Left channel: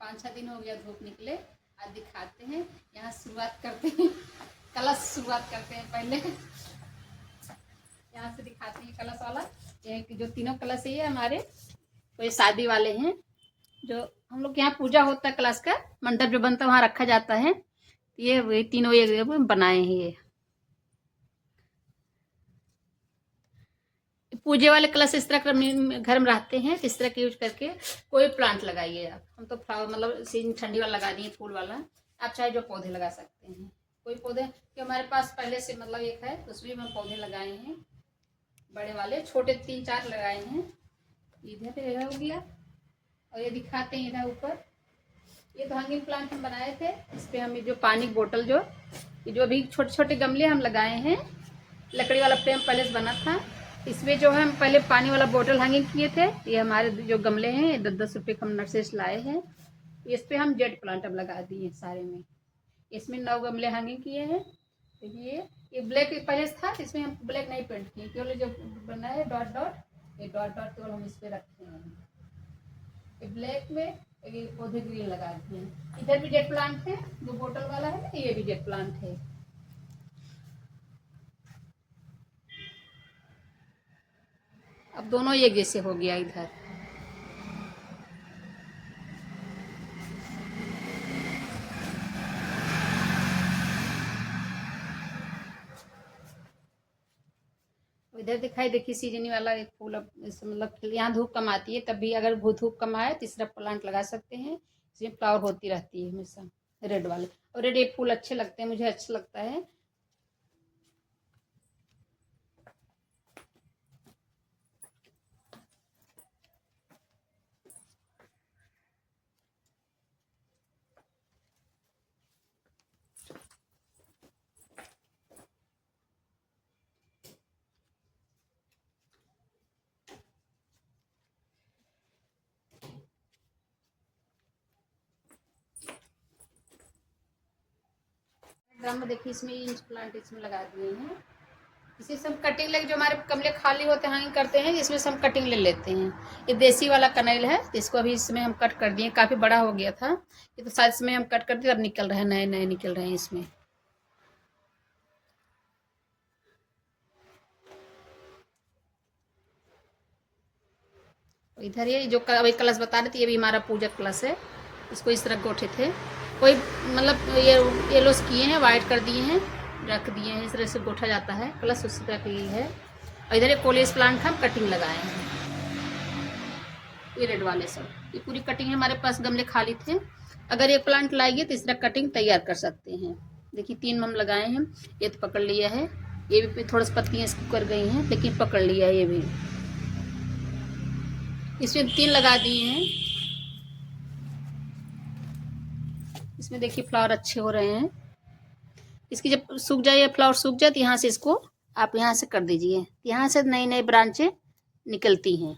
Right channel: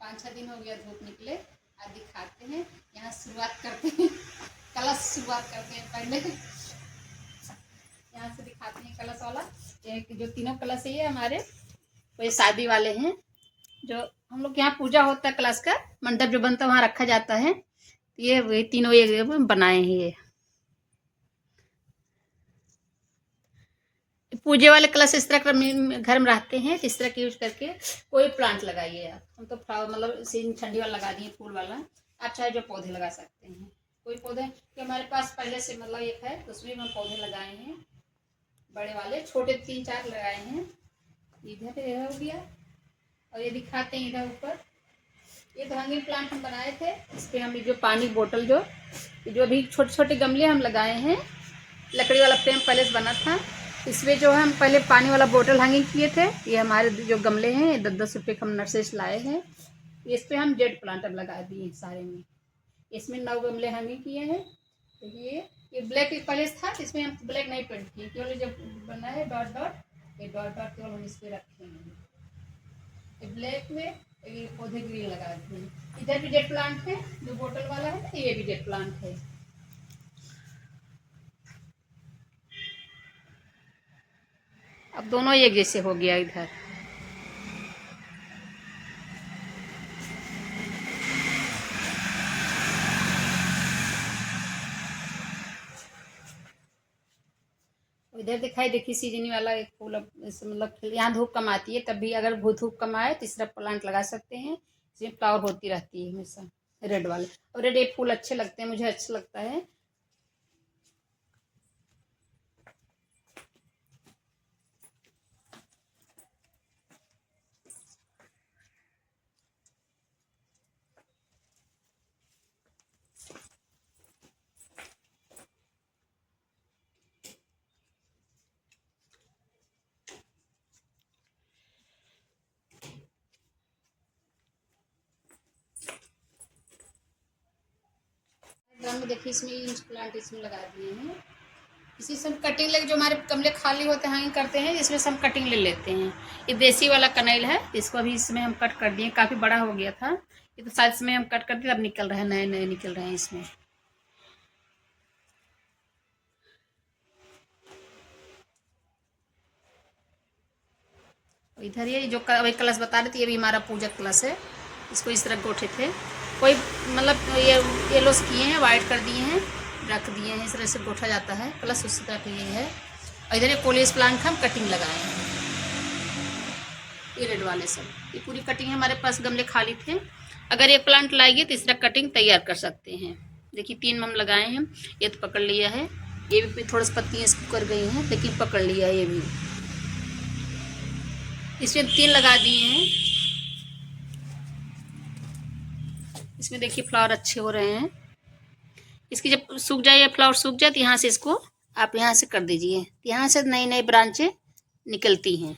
5-6 दिन हो गया धूप निकले। आज दिखाते हैं, यहाँ शुरुआत करते हैं, कलश शुरुआत करते हैं पहले। यहाँ से दिखाते हैं कलश वाला। ये जो तीनों कलश ये हमारे कोई शादी वाले हैं, जो हम लोग यहाँ पूजा होता है कलश का मंडप जो बनता है वहाँ रखा जाता है। ये तीनों ये बनाए हैं। ये पूजे वाले कलश इस तरह के घर में रहते हैं, इस तरह के यूज करके कोई प्लांट लगाइए आप। हम तो मतलब सीजन ठंडी वाला लगा दिए, फूल वाला। आप चाहे जो पौधे लगा सकते हैं, कोई पौधे कि हमारे पास पहले से मतलब एक है, उसमें हम पौधे लगाए हैं, बड़े वाले छोटे 3-4 लगाए हैं। इधर हो गया, और ये दिखाते हैं इधर ऊपर। ये तो हैंगिंग प्लांट हम बनाए थे, इस पर हम जो पानी बोतल जो अभी छोटे छोटे गमले हम लगाए हैं। लकड़ी वाला फ्रेम पहले से बना था, इसमें जो है हम पहले पानी वाला बोतल हैंगिंग किए थे। ये हमारे जो गमले हैं 10-10 रुपये हम नर्सरी से लाए हैं। इस पर हम जेड प्लांट अब लगा दिए सारे में। इसमें 9 गमले हैंगिंग किए हैं। देखिए ये ब्लैक पहले से था, इसमें हम ब्लैक नहीं पेंट किए, केवल जब बना है डॉट डॉट, ये डॉट डॉट केवल हम इस पर रखे हैं। ब्लैक में ये पौधे ग्रीन लगा दिए। इधर भी जेड प्लांट है, जो बोतल वाला है ना, ये भी जेड प्लांट है। अब दोनों एक जैसे हो गया इधर। इधर दिखाई देखिए सीजनी वाला एक फूल, अब मतलब यहाँ धूप कम आती है, तब भी अगर धूप कम आए तीसरा प्लांट लगा सकते हैं। इसमें फ्लावर होती रहती है हमेशा, रेड वाले। और रेड ये फूल अच्छे लगते हैं, मुझे अच्छा लगता है। में देखिए इसमें इंच प्लांट इसमें लगा दिए हैं। इसी से हम कटिंग लेके, जो हमारे गमले खाली होते हैं करते हैं, जिसमें से हम कटिंग ले लेते हैं। ये देसी वाला कनैल है, इसको अभी इसमें हम कट कर दिए, काफ़ी बड़ा हो गया था ये तो शायद इसमें हम कट कर दिए, अब निकल रहे हैं, नए नए निकल रहे हैं इसमें। इधर ये जो अभी कलश बता रहे थे, ये भी हमारा पूजा कलश है। इसको इस तरह गोठे थे, कोई मतलब ये येलो किए हैं, वाइट कर दिए हैं, रख दिए हैं, इस तरह से गोठा जाता है कलश, उसी तरह का ये है। और इधर ये कोलेस प्लांट हम कटिंग लगाए हैं, ये रेड वाले सब, ये पूरी कटिंग है। हमारे पास गमले खाली थे, अगर ये प्लांट लाएंगे तो इस तरह कटिंग तैयार कर सकते हैं। देखिए 3 हम लगाए हैं, ये तो पकड़ लिया है, ये भी थोड़ी सी पत्तियाँ इसको कर गई हैं, लेकिन पकड़ लिया है ये भी। इसमें 3 लगा दिए हैं। इसमें देखिए फ्लावर अच्छे हो रहे हैं। इसकी जब सूख जाए या फ्लावर सूख जाए तो यहाँ से इसको आप यहाँ से कर दीजिए, यहाँ से नई नई ब्रांचें निकलती हैं।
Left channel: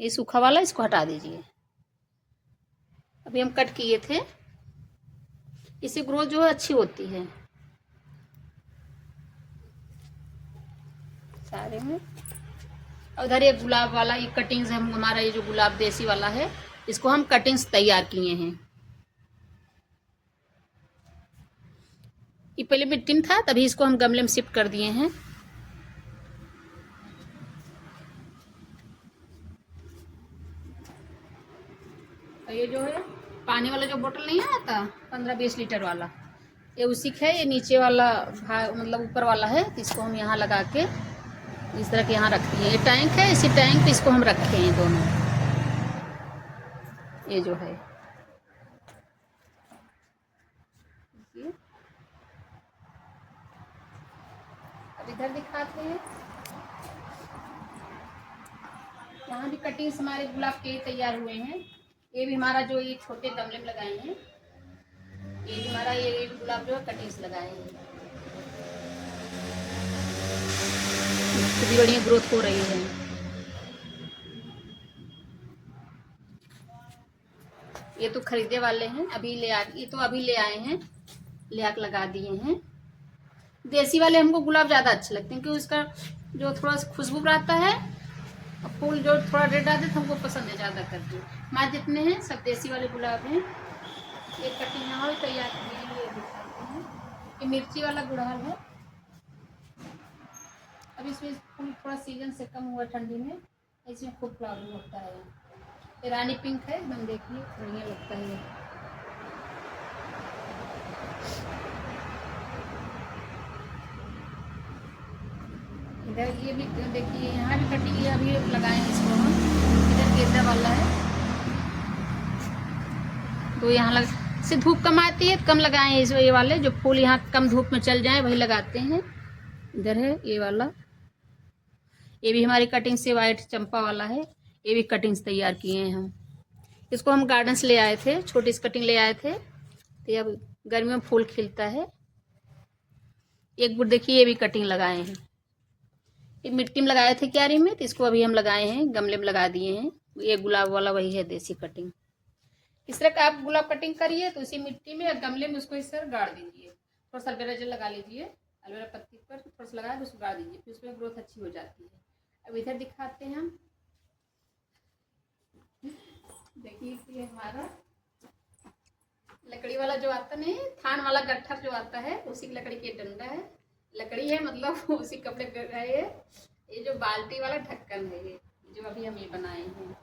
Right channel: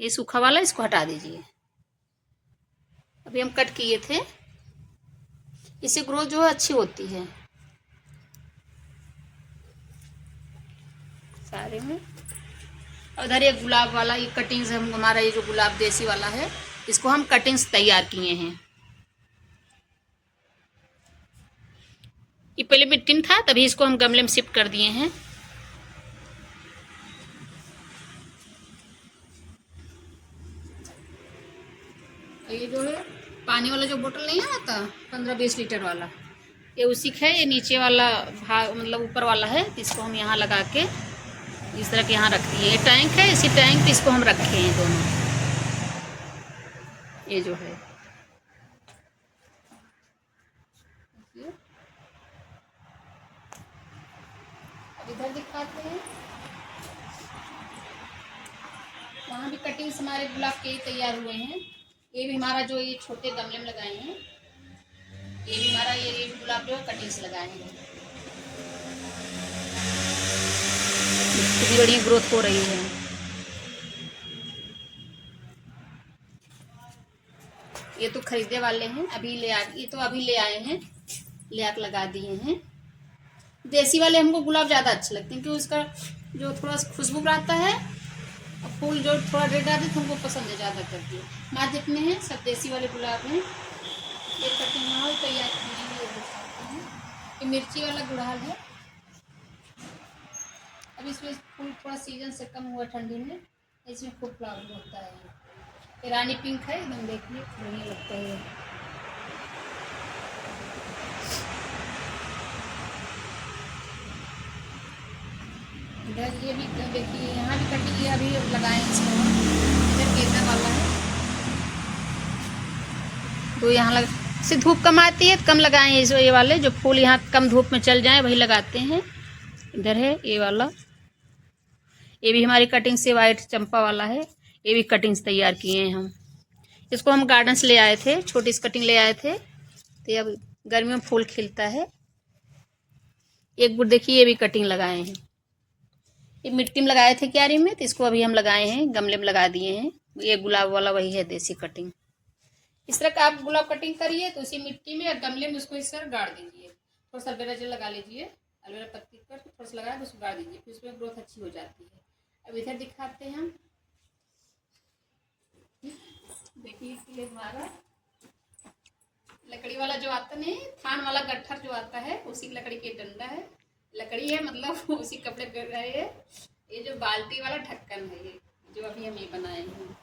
ये सूखा वाला इसको हटा दीजिए। अभी हम कट किए थे, इससे ग्रोथ जो है अच्छी होती है सारे में। उधर ये गुलाब वाला, ये कटिंग्स हम, हमारा ये जो गुलाब देसी वाला है, इसको हम कटिंग्स तैयार किए हैं। ये पहले मिट्टी में था, तभी इसको हम गमले में शिफ्ट कर दिए हैं। और ये जो है पानी वाला जो बोतल नहीं आता 15-20 लीटर वाला, ये उसी का है। ये नीचे वाला भाग मतलब ऊपर वाला है, इसको हम यहाँ लगा के इस तरह के यहाँ रख दिए। ये टैंक है, इसी टैंक पे इसको हम रखे हैं दोनों। ये जो है अब इधर दिखाते हैं, वहाँ भी कटिंग्स हमारे गुलाब के तैयार हुए हैं। ये भी हमारा जो ये छोटे गमले में लगाए हैं, ये भी हमारा ये गुलाब जो है कटिंग्स लगाए हैं। कितनी बढ़िया ग्रोथ हो रही है। ये तो खरीदे वाले हैं, अभी ये तो अभी ले आए हैं, ले आकर लगा दिए हैं। देसी वाले हमको गुलाब ज़्यादा अच्छे लगते हैं, क्योंकि उसका जो थोड़ा सा खुशबू आता है और फूल जो थोड़ा रेड आते तो हमको पसंद है ज़्यादा करके। हमारे जितने हैं सब देसी वाले गुलाब हैं। ये कटिंग यहाँ भी तैयार किए ये दिखाते हैं। ये मिर्ची वाला गुड़हल है। अब इसमें फूल थोड़ा सीजन से कम हुआ ठंडी में, इसमें खूब फ्लावरिंग होता है। ये रानी पिंक है एकदम, देखिए बढ़िया लगता है ये। इधर ये भी देखिए, यहाँ भी कटिंग ये अभी लगाए हैं इसको हम। इधर गेंदा वाला है तो यहाँ लग से धूप कम आती है तो कम लगाए हैं इस ये वाले जो फूल यहाँ कम धूप में चल जाए वही लगाते हैं। इधर है ये वाला, ये भी हमारी कटिंग से वाइट चंपा वाला है। ये भी कटिंग से तैयार किए हैं हम। इसको हम गार्डन से ले आए थे, छोटी सी कटिंग ले आए थे तो अब गर्मियों में फूल खिलता है। एक बुट देखिए ये भी कटिंग लगाए हैं। ये मिट्टी में लगाए थे क्यारी में तो इसको अभी हम लगाए हैं, गमले में लगा दिए हैं। ये गुलाब वाला वही है देसी कटिंग। इस तरह का आप गुलाब कटिंग करिए तो उसी मिट्टी में या गमले में उसको इस तरह गाड़ दीजिए। थोड़ा सा एलोवेरा जेल लगा लीजिए, एलोवेरा पत्ती पर थोड़ा सा लगा के उसको गाड़ दीजिए, फिर उसमें ग्रोथ अच्छी हो जाती है। अब इधर दिखाते हैं हम, देखिए हमारा लकड़ी वाला जो आता नहीं, थान वाला गट्ठर जो आता है उसी लकड़ी की डंडा है, लकड़ी है मतलब उसी कपड़े है ये जो बाल्टी वाला ढक्कन है ये जो अभी हम ये बनाए हैं।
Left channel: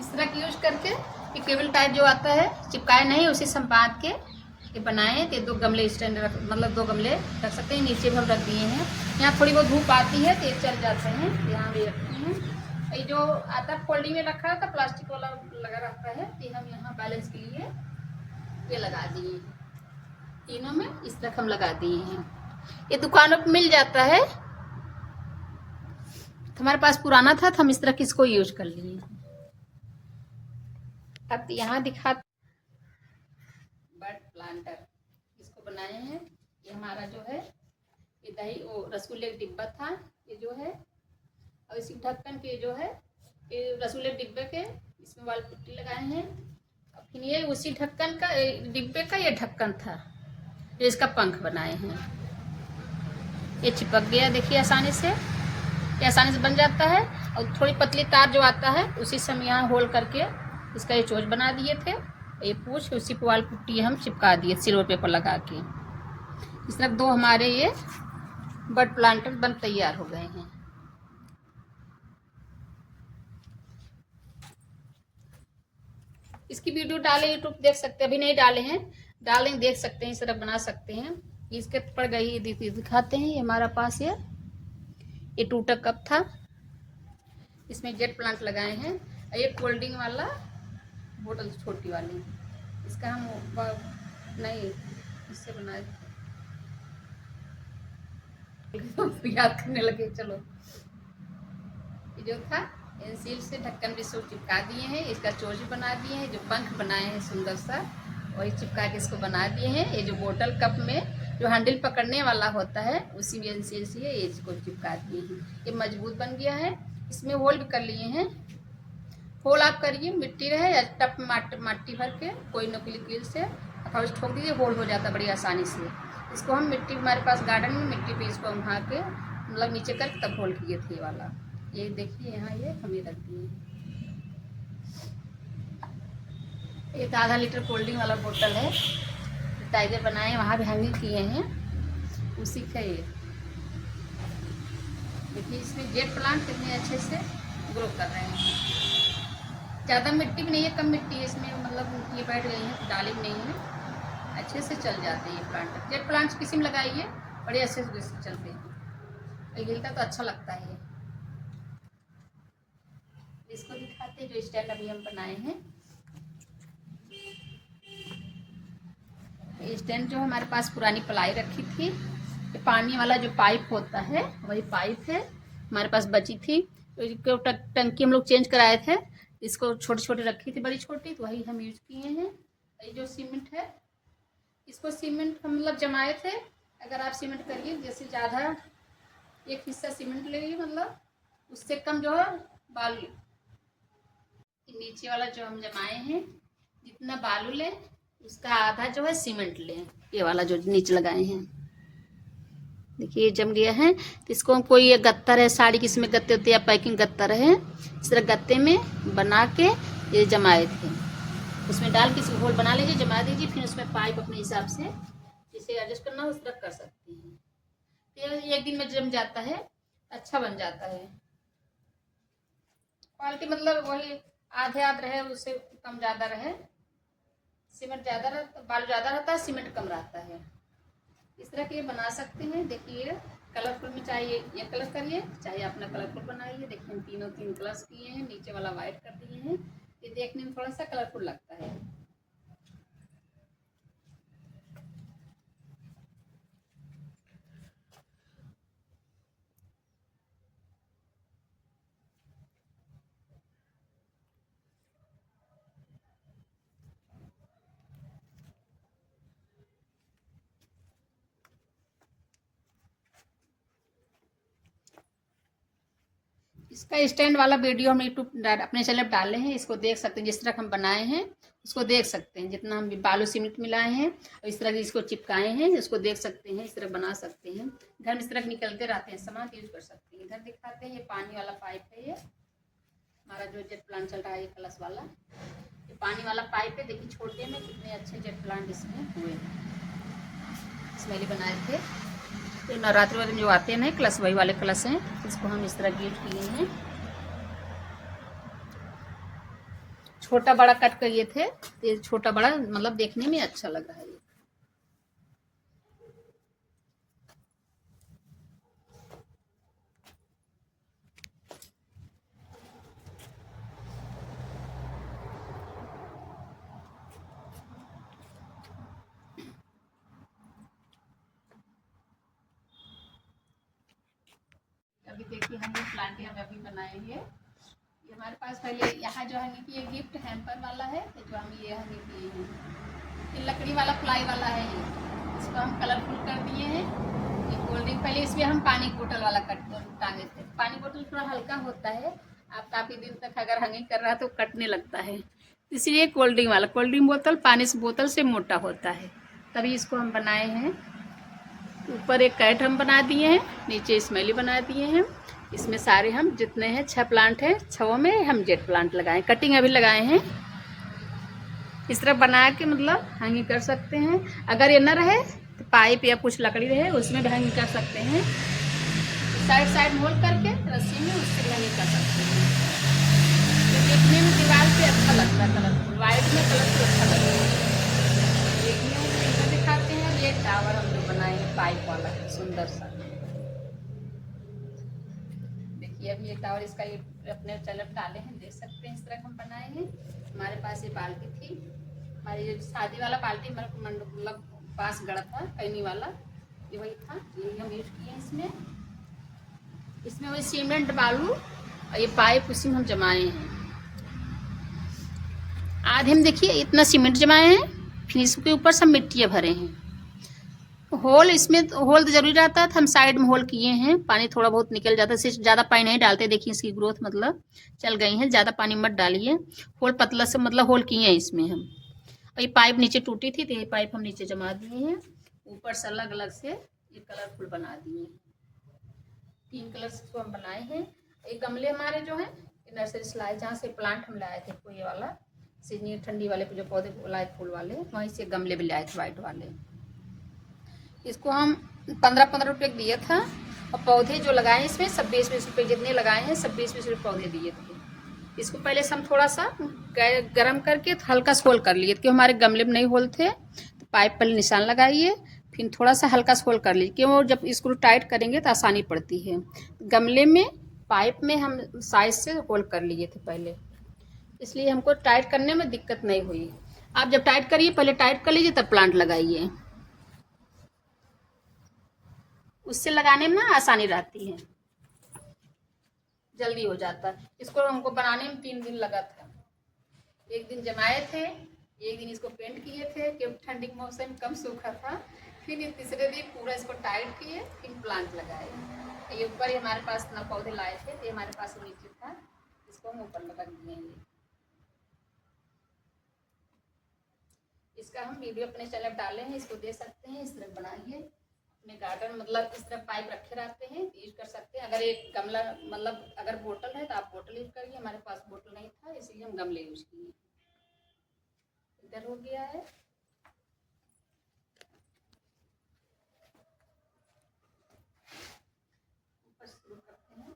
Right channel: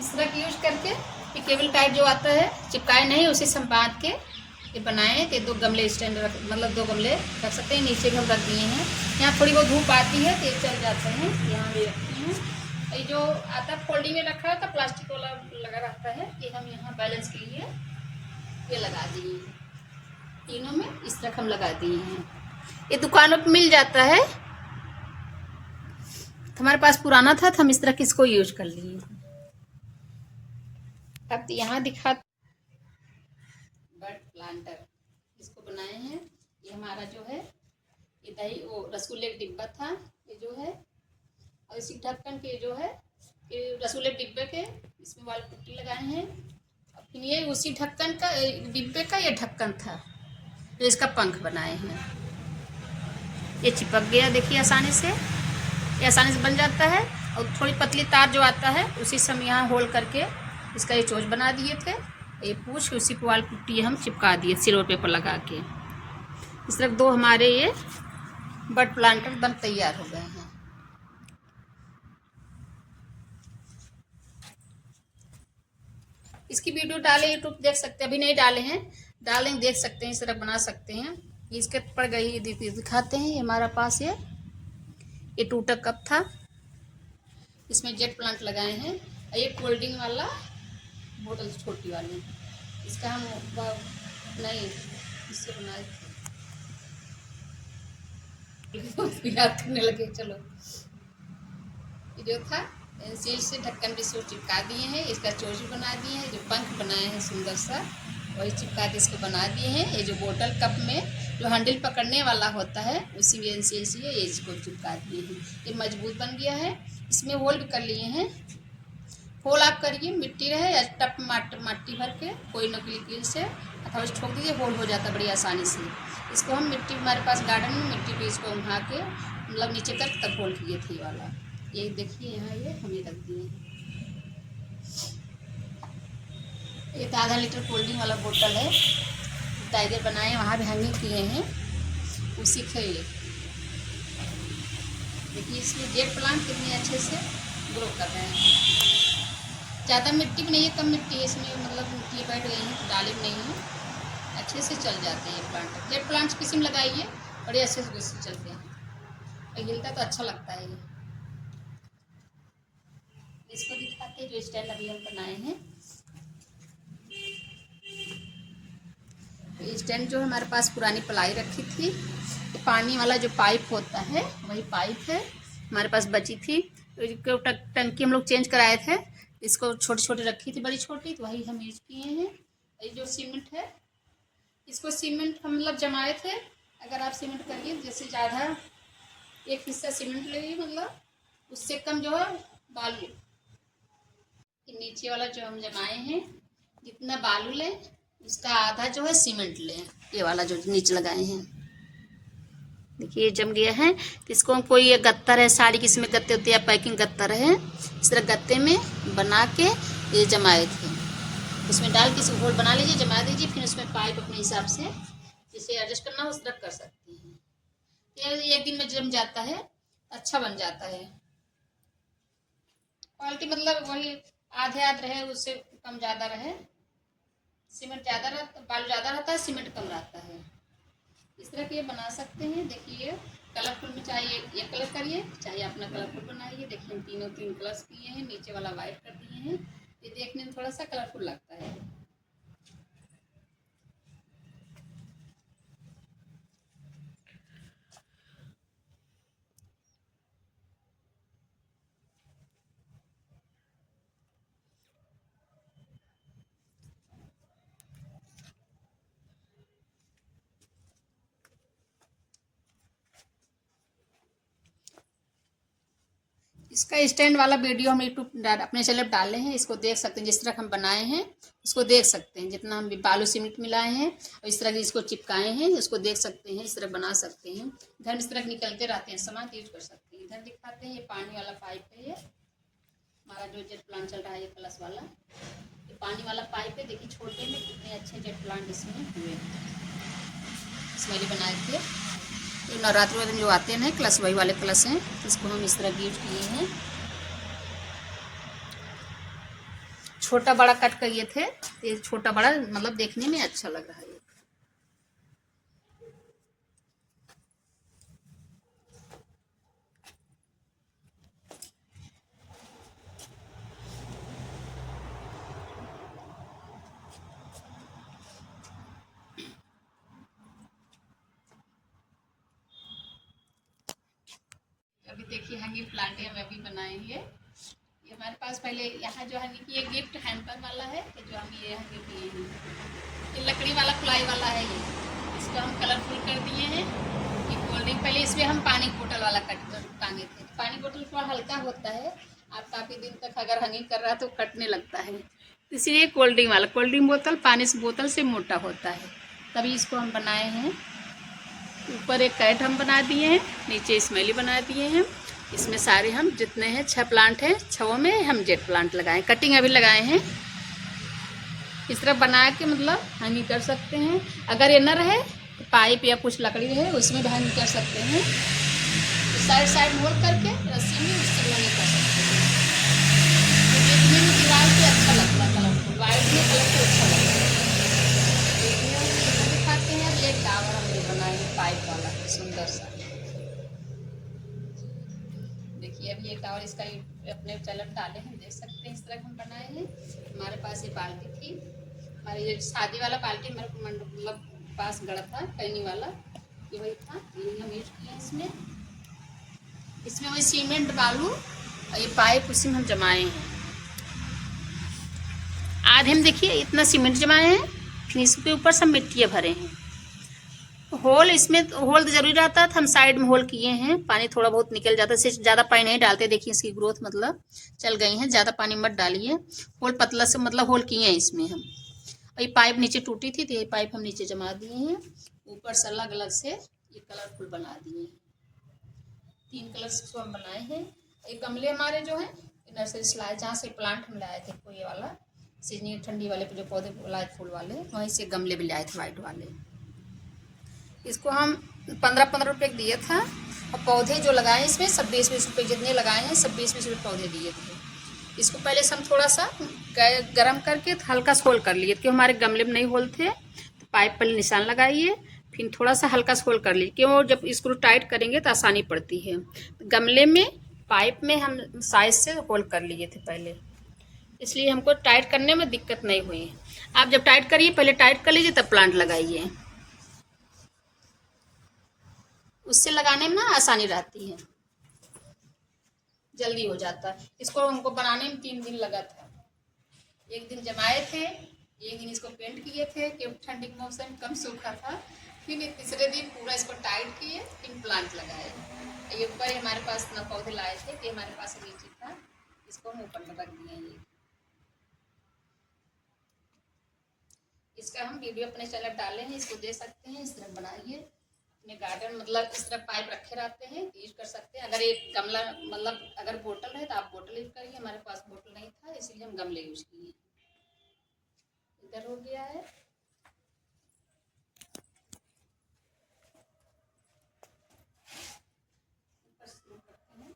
इस तरह की यूज करके ये केबल टाइप जो आता है चिपकाए नहीं, उसी से बांध के ये बनाए थे। 2 गमले स्टैंड रख, मतलब 2 गमले रख सकते हैं। नीचे भी हम रख दिए हैं, यहाँ थोड़ी बहुत धूप आती है तो ये चल जाते हैं, यहाँ भी रखते हैं। ये जो आता फोल्डिंग में रखा रहता प्लास्टिक वाला लगा रहता है, ये हम यहाँ बैलेंस के लिए ये लगा दिए हैं। तीनों में इस तरह हम लगा दिए हैं। ये दुकानों पर मिल जाता है, हमारे पास पुराना था तो हम इस तरह किसको यूज कर लिए। अब यहाँ दिखा बर्ड प्लांटर इसको बनाए हैं। ये हमारा जो है ये दही वो रसगुल्ले का डिब्बा था ये जो है, और इसी ढक्कन के जो है ये रसगुल्ले डिब्बे के इसमें वाल पुट्टी लगाए हैं। और फिर ये उसी ढक्कन का डिब्बे का ये ढक्कन था जो इसका पंख बनाए हैं। ये चिपक गया देखिए आसानी से, ये आसानी से बन जाता है। और थोड़ी पतली तार जो आता है उसी से हम यहाँ होल करके इसका ये चोच बना दिए थे। ये पूछ उसी पे वाल पुट्टी हम चिपका दिए सिल्वर पेपर लगा के। इस तरह 2 हमारे ये बर्ड प्लांटर बन तैयार हो गए हैं। इसकी वीडियो डाले यूट्यूब देख सकते हैं, अभी नहीं डाले हैं, डालेंगे देख सकते हैं, इस तरह बना सकते हैं। इसके पड़ गई दिखाते हैं। ये हमारा पास ये टूटा कप था, इसमें जेट प्लांट लगाए हैं। और ये कोल्ड ड्रिंक वाला बोतल छोटी वाली, इसका हम नहीं इससे बनाए थे याद करने लगे। चलो ये जो था पेंसिल से ढक्कन भी सूट चिपका दिए हैं, इसका चोच भी बना दिए हैं। जो पंख बनाए हैं सुंदर सा वही चिपका के इसको बना दिए हैं। ये जो बोतल कप में जो हैंडल पकड़ने वाला होता है उसी पेंसिल से ये इसको चिपका दिए हैं। ये मजबूत बन गया है। इसमें होल भी कर लिए हैं। होल आप करिए, मिट्टी रहे या टप माटी भर के कोई नकली कील से अथवा उसे ठोक दीजिए, होल हो जाता बड़ी आसानी से। इसको हम मिट्टी हमारे पास गार्डन में मिट्टी पे इसको उठा के मतलब नीचे कर तब होल किए थे वाला। ये देखिए यहाँ ये हम ये रख दिए। ये 1/2 लीटर कोल्ड ड्रिंक वाला बोतल है, टाइगर बनाए वहाँ भी हैंगिंग किए हैं उसी के। ये देखिए इसमें जेट प्लांट कितने अच्छे से ग्रो कर रहे हैं। ज़्यादा मिट्टी भी नहीं है, कम मिट्टी है इसमें, मतलब मिट्टी बैठ गई है तो डाली भी नहीं है, अच्छे से चल जाते हैं ये प्लांट। जेट प्लांट्स किसी में लगाइए बड़े अच्छे से चलते हैं और हिलता तो अच्छा लगता है। ये इसको दिखाते हैं जो स्टैंड अभी हम बनाए हैं। ये स्टैंड जो है हमारे पास पुरानी प्लाई रखी थी, ये पानी वाला जो पाइप होता है वही पाइप है हमारे पास बची थी। टंकी हम लोग चेंज कराए थे, इसको छोटी छोटी रखी थी बड़ी छोटी, तो वही हम यूज किए हैं। ये जो सीमेंट है इसको सीमेंट हम मतलब जमाए थे। अगर आप सीमेंट करिए जैसे ज़्यादा एक हिस्सा सीमेंट लेंगे मतलब उससे कम जो है बालू, नीचे वाला जो हम जमाए हैं जितना बालू लें उसका आधा जो है सीमेंट लें, ये वाला जो नीचे लगाए हैं। देखिए ये जम गया है। तो इसको हम कोई ये गत्तर है, साड़ी किसी में गत्ते होते हैं या पैकिंग गत्तर है, इस तरह गत्ते में बना के ये जमाए थे। उसमें डाल के इसको होल बना लीजिए, जमा दीजिए, फिर उसमें पाइप अपने हिसाब से जिसे एडजस्ट करना हो उस तरह कर सकते हैं। ये एक दिन में जम जाता है, अच्छा बन जाता है। क्वालिटी मतलब वही आधे आध रहे, उससे कम ज़्यादा रहे। सीमेंट ज़्यादा रहता, बालू ज़्यादा रहता है, सीमेंट कम रहता है। इस तरह के बना सकते हैं। देखिए कलरफुल में चाहे ये कलर करिए, चाहे अपना कलरफुल बनाइए। देखिए हम तीनों तीन कलर्स किए हैं, नीचे वाला वाइट कर दिए हैं। ये देखने में थोड़ा सा कलरफुल लगता है। इसका स्टैंड वाला वीडियो हम यूट्यूब अपने चैनल पर डाले हैं, इसको देख सकते हैं। जिस तरह हम बनाए हैं इसको देख सकते हैं, जितना हम बालू सीमेंट मिलाए हैं और इस तरह की इसको चिपकाए हैं, इसको देख सकते हैं। इस तरह बना सकते हैं। घर में इस तरह निकलते रहते हैं सामान, यूज कर सकते हैं। इधर दिखाते हैं, ये पानी वाला पाइप है। ये हमारा जो जेट प्लांट चल रहा है, ये प्लस वाला, ये पानी वाला पाइप है। देखिए छोटे में कितने अच्छे जेट प्लांट इसमें हुए, इसमें बनाए थे। ये नवरात्र में जो आते हैं क्लस, वही वाले क्लस हैं। इसको हम इस तरह यूज किए हैं। छोटा बड़ा कट किए थे, ये छोटा बड़ा मतलब देखने में अच्छा लग रहा है। ये अभी देखिए हम ये प्लांट हम अभी बनाए हैं। ये हमारे पास पहले यहाँ जो है कि ये गिफ्ट हैम्पर वाला है, जो हम ये यहाँ किए हैं। ये लकड़ी वाला प्लाई वाला है। ये इसको हम कलरफुल कर दिए हैं। ये कोल्ड ड्रिंक, पहले इसमें हम पानी बोतल वाला कट कर टांगे थे। पानी बोतल थोड़ा हल्का होता है, आप काफ़ी दिन तक अगर हंगिंग कर रहा है तो कटने लगता है। इसलिए कोल्ड ड्रिंक वाला, कोल्ड ड्रिंक बोतल पानी से बोतल से मोटा होता है, तभी इसको हम बनाए हैं। ऊपर एक कैट हम बना दिए हैं, नीचे स्मेली बना दिए हैं। इसमें सारे हम जितने हैं 6 प्लांट हैं, 6 में हम जेट प्लांट लगाए, कटिंग अभी लगाए हैं। इस तरह बना के मतलब हैंगिंग कर सकते हैं। अगर ये न रहे तो पाइप या कुछ लकड़ी रहे उसमें भी हैंगिंग कर सकते हैं। तो साइड साइड मोड़ करके रस्सी में उससे हैंगिंग कर सकते हैं। तो देखने में दीवार पे अच्छा लगता है, कलरफुल वाइट में कलरफुल अच्छा लगता है। देखने में इधर दिखाते हैं। ये टावर हम जो बनाए हैं पाइप वाला सुंदर सा, देखिए अभी ये टावर इसका अपने चैनल डाले हैं, देख सकते हैं। इस तरह हम बनाए हैं। हमारे पास ये बाल्टी थी, हमारी जो शादी वाला बाल्टी मेरे को मतलब पास गड़ा था पैनी वाला, ये वही था, ये हम यूज किए इसमें। इसमें वही सीमेंट बालू और ये पाइप उसी में हम जमाए हैं। आधे हम देखिए इतना सीमेंट जमाए हैं, फिर इसके ऊपर सब मिट्टियाँ भरे हैं। होल इसमें होल तो जरूरी रहता है, तो हम साइड में होल किए हैं। पानी थोड़ा बहुत निकल जाता है, सिर्फ ज़्यादा पानी नहीं डालते। देखिए इसकी ग्रोथ मतलब चल गई है, ज़्यादा पानी मत डालिए। होल पतला से मतलब होल किए हैं इसमें हम। और ये पाइप नीचे टूटी थी तो ये पाइप हम नीचे जमा दिए हैं। ऊपर से अलग अलग से ये कलरफुल बना दिए हैं। 3 कलर्स को हम बनाए हैं। एक गमले हमारे जो है नर्सरी से लाए, जहाँ से प्लांट हम लाए थे, कोई वाला सीजनी ठंडी वाले जो पौधे लाए फूल वाले, वहीं से गमले भी लाए थे वाइट वाले। इसको हम 15-15 रुपये दिए था। और पौधे जो लगाए इसमें सब 20-20 रुपये, जितने लगाए हैं सब 20-20 रुपये पौधे दिए थे। इसको पहले से हम थोड़ा सा गर्म करके हल्का सा होल कर लिए, क्योंकि हमारे गमले में नहीं होल थे। तो पाइप पर निशान लगाइए, फिर थोड़ा सा हल्का सा होल कर लीजिए, क्यों जब स्क्रू टाइट करेंगे तो आसानी पड़ती है। गमले में पाइप में हम साइज से होल कर लिए थे पहले, इसलिए हमको टाइट करने में दिक्कत नहीं हुई। आप जब टाइट करिए, पहले टाइट कर लीजिए तब प्लांट लगाइए, उससे लगाने में ना आसानी रहती है, जल्दी हो जाता है। इसको हमको बनाने में 3 दिन लगा था। एक दिन जमाए थे, एक दिन इसको पेंट किए थे क्योंकि ठंडी के मौसम कम सूखा था। फिर ये तीसरे दिन पूरा इसको टाइट किए, फिर प्लांट लगाए। ये ऊपर ही हमारे पास ना पौधे लाए थे, तो हमारे पास नीचे था, इसको हम ऊपर में रख दिए। ये इसका हम वीडियो अपने चैनल डाले हैं, इसको दे सकते हैं। इस तरह बनाइए, अपने गार्डन मतलब इस तरह पाइप रखे रहते हैं तो यूज कर सकते हैं। अगर एक गमला मतलब अगर बोतल है तो आप बोतल यूज करिए। हमारे पास बोतल नहीं था इसीलिए हम गमले यूज किए। इधर हो गया है। ऊपर शुरू करते हैं।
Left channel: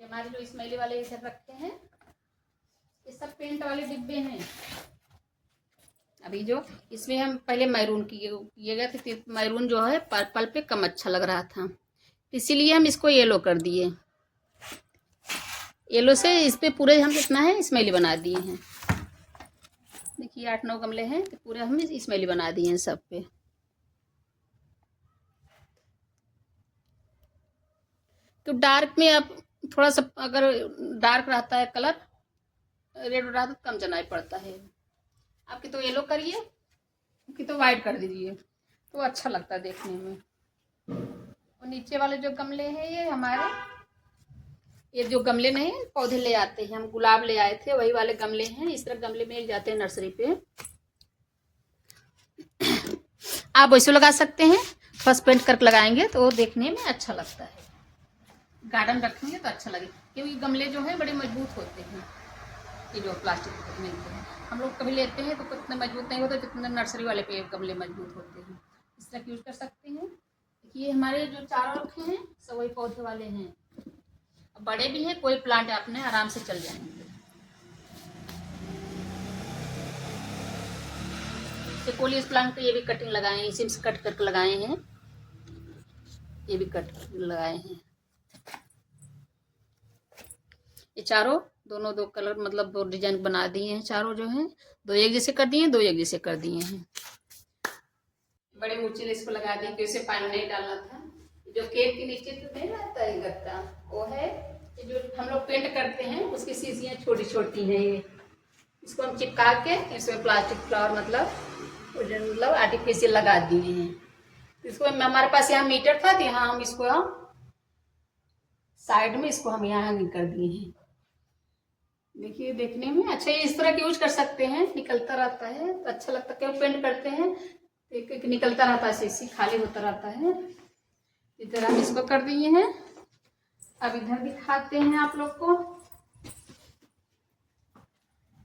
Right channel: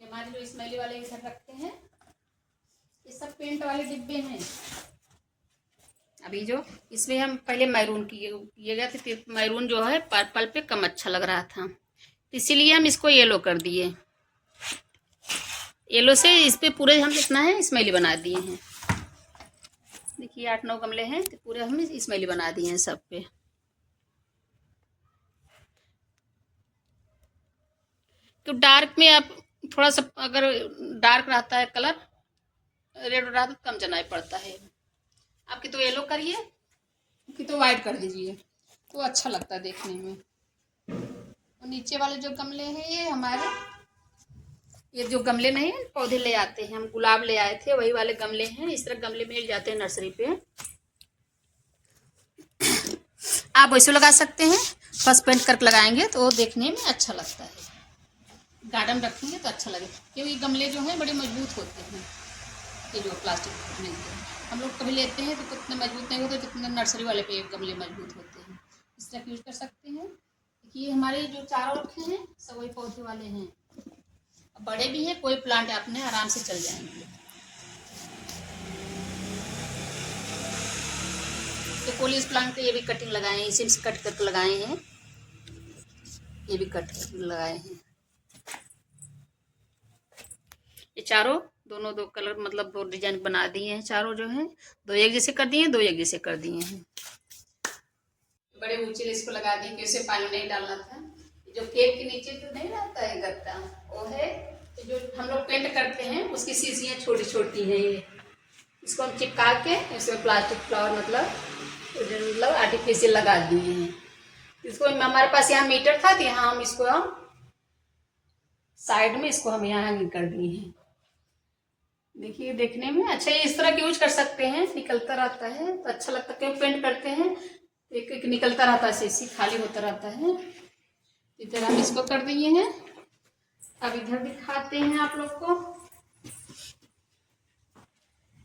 ये हमारे जो स्मेली वाले इधर रखते हैं, ये सब पेंट वाले डिब्बे हैं। अभी जो इसमें हम पहले मैरून किए गए थे, मैरून जो है पर्पल पे कम अच्छा लग रहा था, इसीलिए हम इसको येलो कर दिए। येलो से इस पे पूरे हम कितना है स्मेली बना दिए हैं। देखिए 8-9 गमले हैं तो पूरे हम स्मेली बना दिए हैं सब पे। तो डार्क में आप थोड़ा सा अगर डार्क रहता है कलर, रेड रहता है, कम जनाई पड़ता है। आपकी तो येलो करिए कि तो वाइट कर दीजिए तो अच्छा लगता है देखने में। और नीचे वाले जो गमले हैं ये हमारे, ये जो गमले नहीं है पौधे ले आते हैं हम, गुलाब ले आए थे वही वाले गमले हैं। इस तरह गमले मिल जाते हैं नर्सरी पे, आप वैसे लगा सकते हैं। फर्स्ट पेंट करके लगाएंगे तो देखने में अच्छा लगता है। गार्डन रखेंगे तो अच्छा लगे, क्योंकि गमले जो हैं बड़े मजबूत होते हैं। ये जो प्लास्टिक मिलते हैं हम लोग कभी लेते हैं तो इतने मजबूत नहीं होते जितने नर्सरी वाले पे गमले मजबूत होते हैं। इस तरह यूज कर सकते हैं। ये हमारे जो चारों रखे हैं सब वही पौधे वाले हैं, बड़े भी हैं। कोई प्लांट अपने आराम से चल जाएंगे। ये कोलियस प्लांट ये भी कटिंग लगाए हैं, इसी से कट करके लगाए हैं। ये भी कट करके लगाए हैं। ये चारों दोनों दो कलर मतलब दो डिजाइन बना दिए हैं। चारों जो हैं दो एक जैसे कर दिए हैं, दो एक जैसे कर दिए हैं। बड़े ऊंचे इसको लगा दिए क्योंकि पानी नहीं डालना था। जो केक के नीचे तो नहीं रहता है गत्ता, वो है जो हम लोग पेंट करते हैं उसकी शीशियाँ छोटी छोटी हैं। ये इसको हम चिपका के इसमें प्लास्टिक फ्लावर मतलब आर्टिफिशियल लगा दिए हैं। इसको हमारे पास यहाँ मीटर था तो यहाँ हम इसको साइड में इसको हम यहाँ हैंगिंग कर दिए हैं। देखिए देखने में अच्छा, इस तरह के यूज कर सकते हैं। निकलता रहता है तो अच्छा लगता है। क्यों पेंट करते हैं एक एक निकलता रहता है, शीशी खाली होता रहता है। इधर हम इसको कर दिए हैं। अब इधर दिखाते हैं आप लोग को।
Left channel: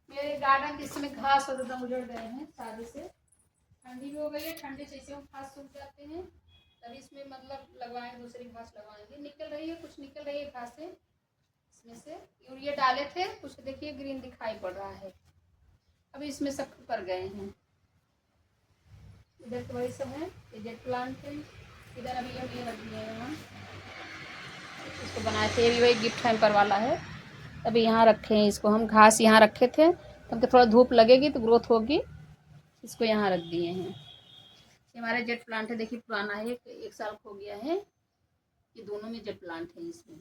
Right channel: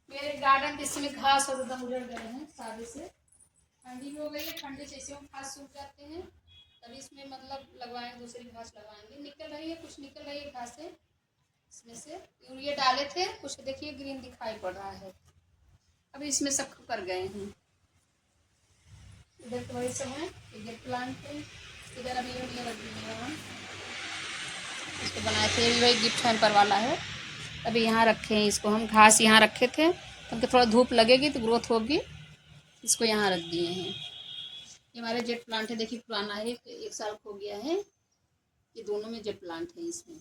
मेरे गार्डन जिसमें घास और एकदम उजड़ गए हैं शादी से, ठंडी भी हो गई है। ठंडी से इसे घास सूख जाते हैं तभी इसमें मतलब लगवाएंगे, दूसरी घास लगवाएंगे। निकल रही है, कुछ निकल रही है घासें इसमें से। यूरिया डाले थे कुछ, देखिए ग्रीन दिखाई पड़ रहा है। अभी इसमें सब कर गए हैं। इधर तो वही सब है, इधर प्लांट है। इधर अभी ये लग दिए हैं हम, इसको बनाए थे। ये भी वही गिफ्ट हैम्पर वाला है। अभी यहाँ रखे हैं इसको हम, घास यहाँ रखे थे क्योंकि थोड़ा धूप लगेगी तो ग्रोथ होगी, इसको यहाँ रख दिए हैं। ये हमारा जेट प्लांट है, देखिए पुराना है, 1 साल हो गया है। ये दोनों में जेट प्लांट है इसमें।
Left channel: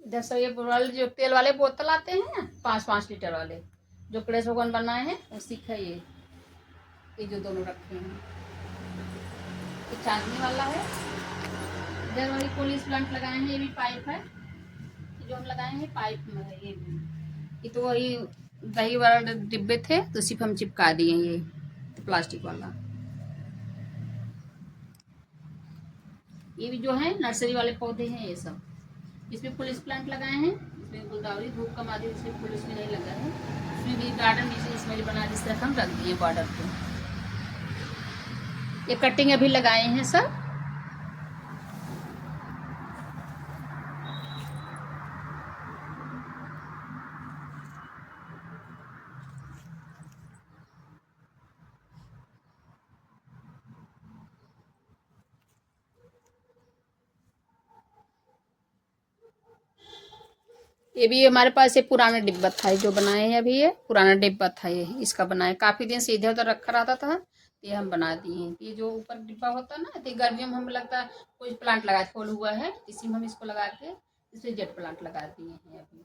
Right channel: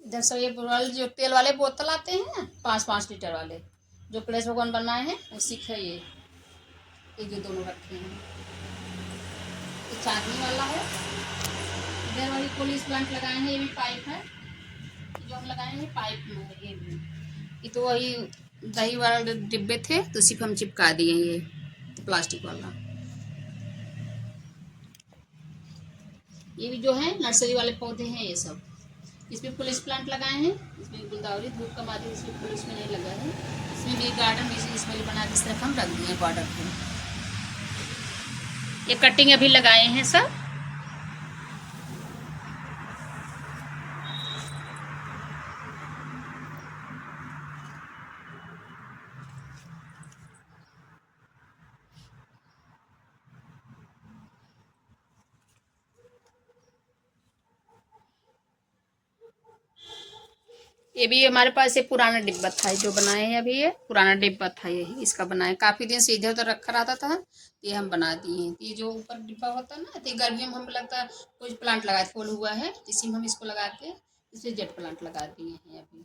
इधर सब ये वाले जो तेल वाले बोतल आते हैं 5-5 लीटर वाले, जो गणेश भगवान बनाए हैं उसी का ये जो दोनों रखे हैं। ये चांदनी वाला है। इधर वही कोलियस प्लांट लगाए हैं, ये भी पाइप है। जो हम लगाए हैं पाइप में है ये भी। ये तो वही दही वाला डिब्बे थे तो सिर्फ हम चिपका दिए ये तो प्लास्टिक वाला। ये भी जो है नर्सरी वाले पौधे हैं ये सब। इसमें पुलिस प्लांट लगाए हैं, इसमें गुलदावरी धूप का माध्यम इसमें पुलिस में नहीं लगा है। इसमें भी गार्डन इसमें बना इस तरफ हम रख दिए बॉर्डर पे। ये कटिंग अभी लगाए हैं सब। ये भी हमारे पास ये पुराना डिब्बा था जो बनाए हैं। अभी ये पुराना डिब्बा था, ये इसका बनाया काफ़ी दिन से इधर उधर रखा रहता था, ये हम बना दिए हैं। ये जो ऊपर डिब्बा होता है ना, तो गर्मियों में हमें लगता है कोई प्लांट लगाए फूल हुआ है, इसी में हम इसको लगा के इसमें जेट प्लांट लगा दिए हैं। अभी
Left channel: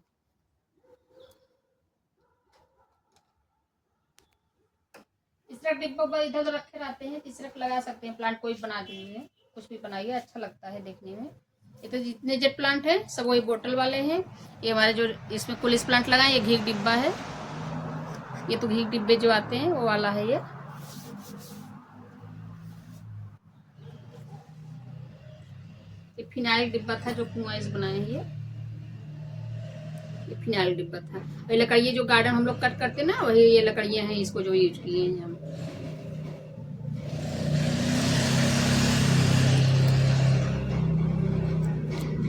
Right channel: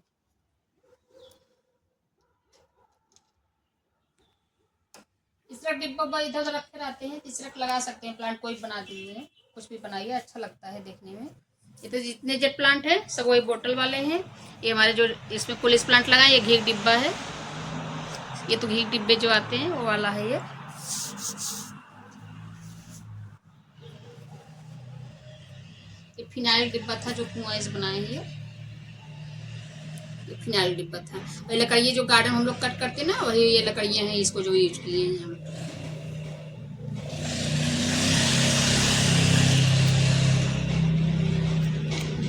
इस तरह डिब्बा इधर उधर रखे रहते हैं, इस तरह लगा सकते हैं प्लांट। कोई बना दिए, कुछ भी बनाइए, अच्छा लगता है देखने में। ये तो जितने जेट प्लांट हैं सब वही बोतल वाले हैं। ये हमारे जो इसमें पुलिस प्लांट लगाए, ये घी डिब्बा है। ये तो घी डिब्बे जो आते हैं वो वाला है ये फिनाइल डिब्बा था जो कुआं से बनाए हैं ये फिनाइल डिब्बा था। वही लकड़ी जो गार्डन हम लोग कट करते ना वही ये लकड़ियाँ हैं, इसको जो यूज किए हैं हम।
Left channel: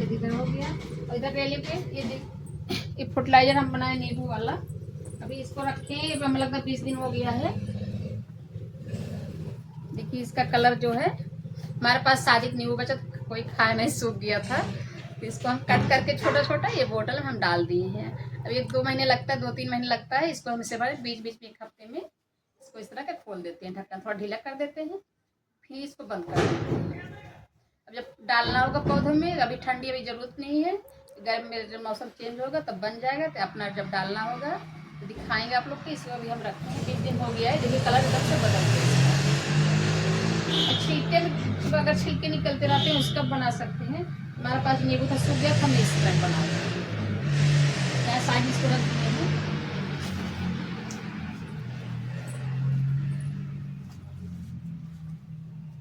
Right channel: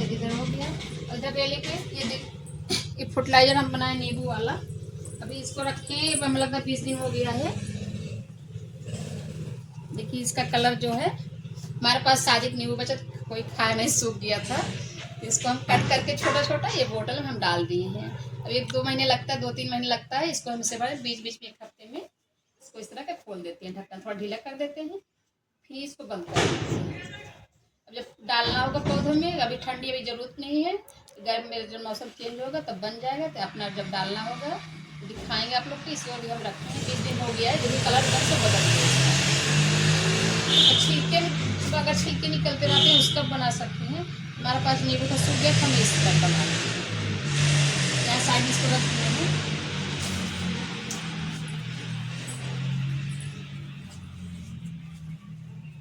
इधर हो गया, इधर रेलिंग पे ये फर्टिलाइजर हम बनाए नींबू वाला, अभी इसको रखे हमें लगता है 20 दिन हो गया है। देखिए इसका कलर जो है, हमारे पास साजिद नींबू बचा कोई खाया नहीं, सूख गया था, तो इसको हम कट करके छोटा छोटा ये बोतल में हम डाल दिए हैं। अब 1-2 महीने लगता है, 2-3 महीने लगता है इसको हम इसे बड़े बीच बीच में 1 हफ्ते में इसको इस तरह का खोल देते हैं, ढक्कन थोड़ा ढीला कर देते हैं, फिर इसको बंद कर देते हैं। अब जब डालना होगा पौधों में, अभी ठंडी अभी ज़रूरत नहीं है, गर्म में जब मौसम चेंज होगा तब बन जाएगा, तो अपना जब डालना होगा तो दिखाएंगे आप लोग को। इसको अभी हम रखते हैं 20 दिन हो गया है, देखिए कलर एकदम से बदल गया है। छिलके में अगर छिलके निकलते रहते हैं उसका बना सकते हैं। हमारे पास नींबू का सूख गया, हम इस तरह बना देंगे। यहाँ साइड इसको रख दिए हैं।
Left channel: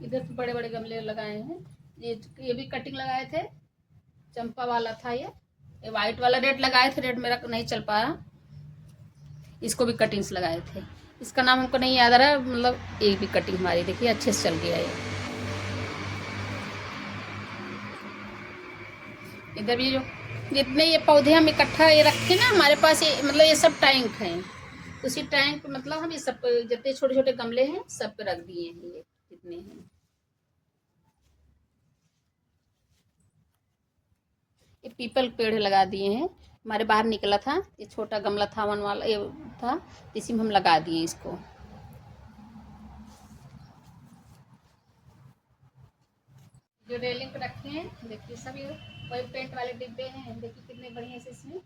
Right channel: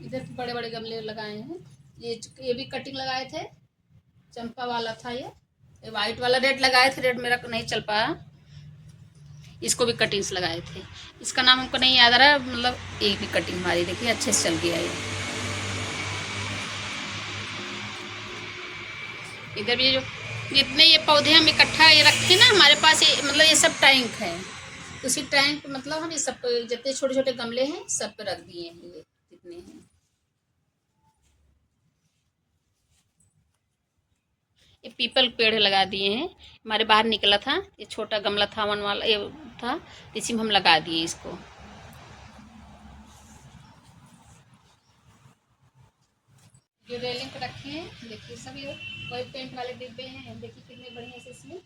इधर तो बड़े बड़े गमले लगाए हैं, ये भी कटिंग लगाए थे, चंपा वाला था ये वाइट वाला रेड लगाए थे, रेड मेरा नहीं चल पाया, इसको भी कटिंग्स लगाए थे। इसका नाम हमको नहीं याद आ रहा है, मतलब एक भी कटिंग हमारी देखिए अच्छे से चल गया है। इधर भी जो जितने ये पौधे हम इकट्ठा ये रखे ना, हमारे पास ये मतलब ये सब टैंक है, उसी टैंक मतलब हम ये सब जितने छोटे छोटे गमले हैं सब पे रख दिए हैं, ये जितने हैं। ये पीपल पेड़ लगा दिए हैं, हमारे बाहर निकला था, ये छोटा गमला था वन वाला ये था, इसी में हम लगा दिए इसको। जो रेलिंग पे रखे हैं देखिए सब ये वही पेंट वाले डिब्बे हैं, देखिए कितने बढ़िया से इसमें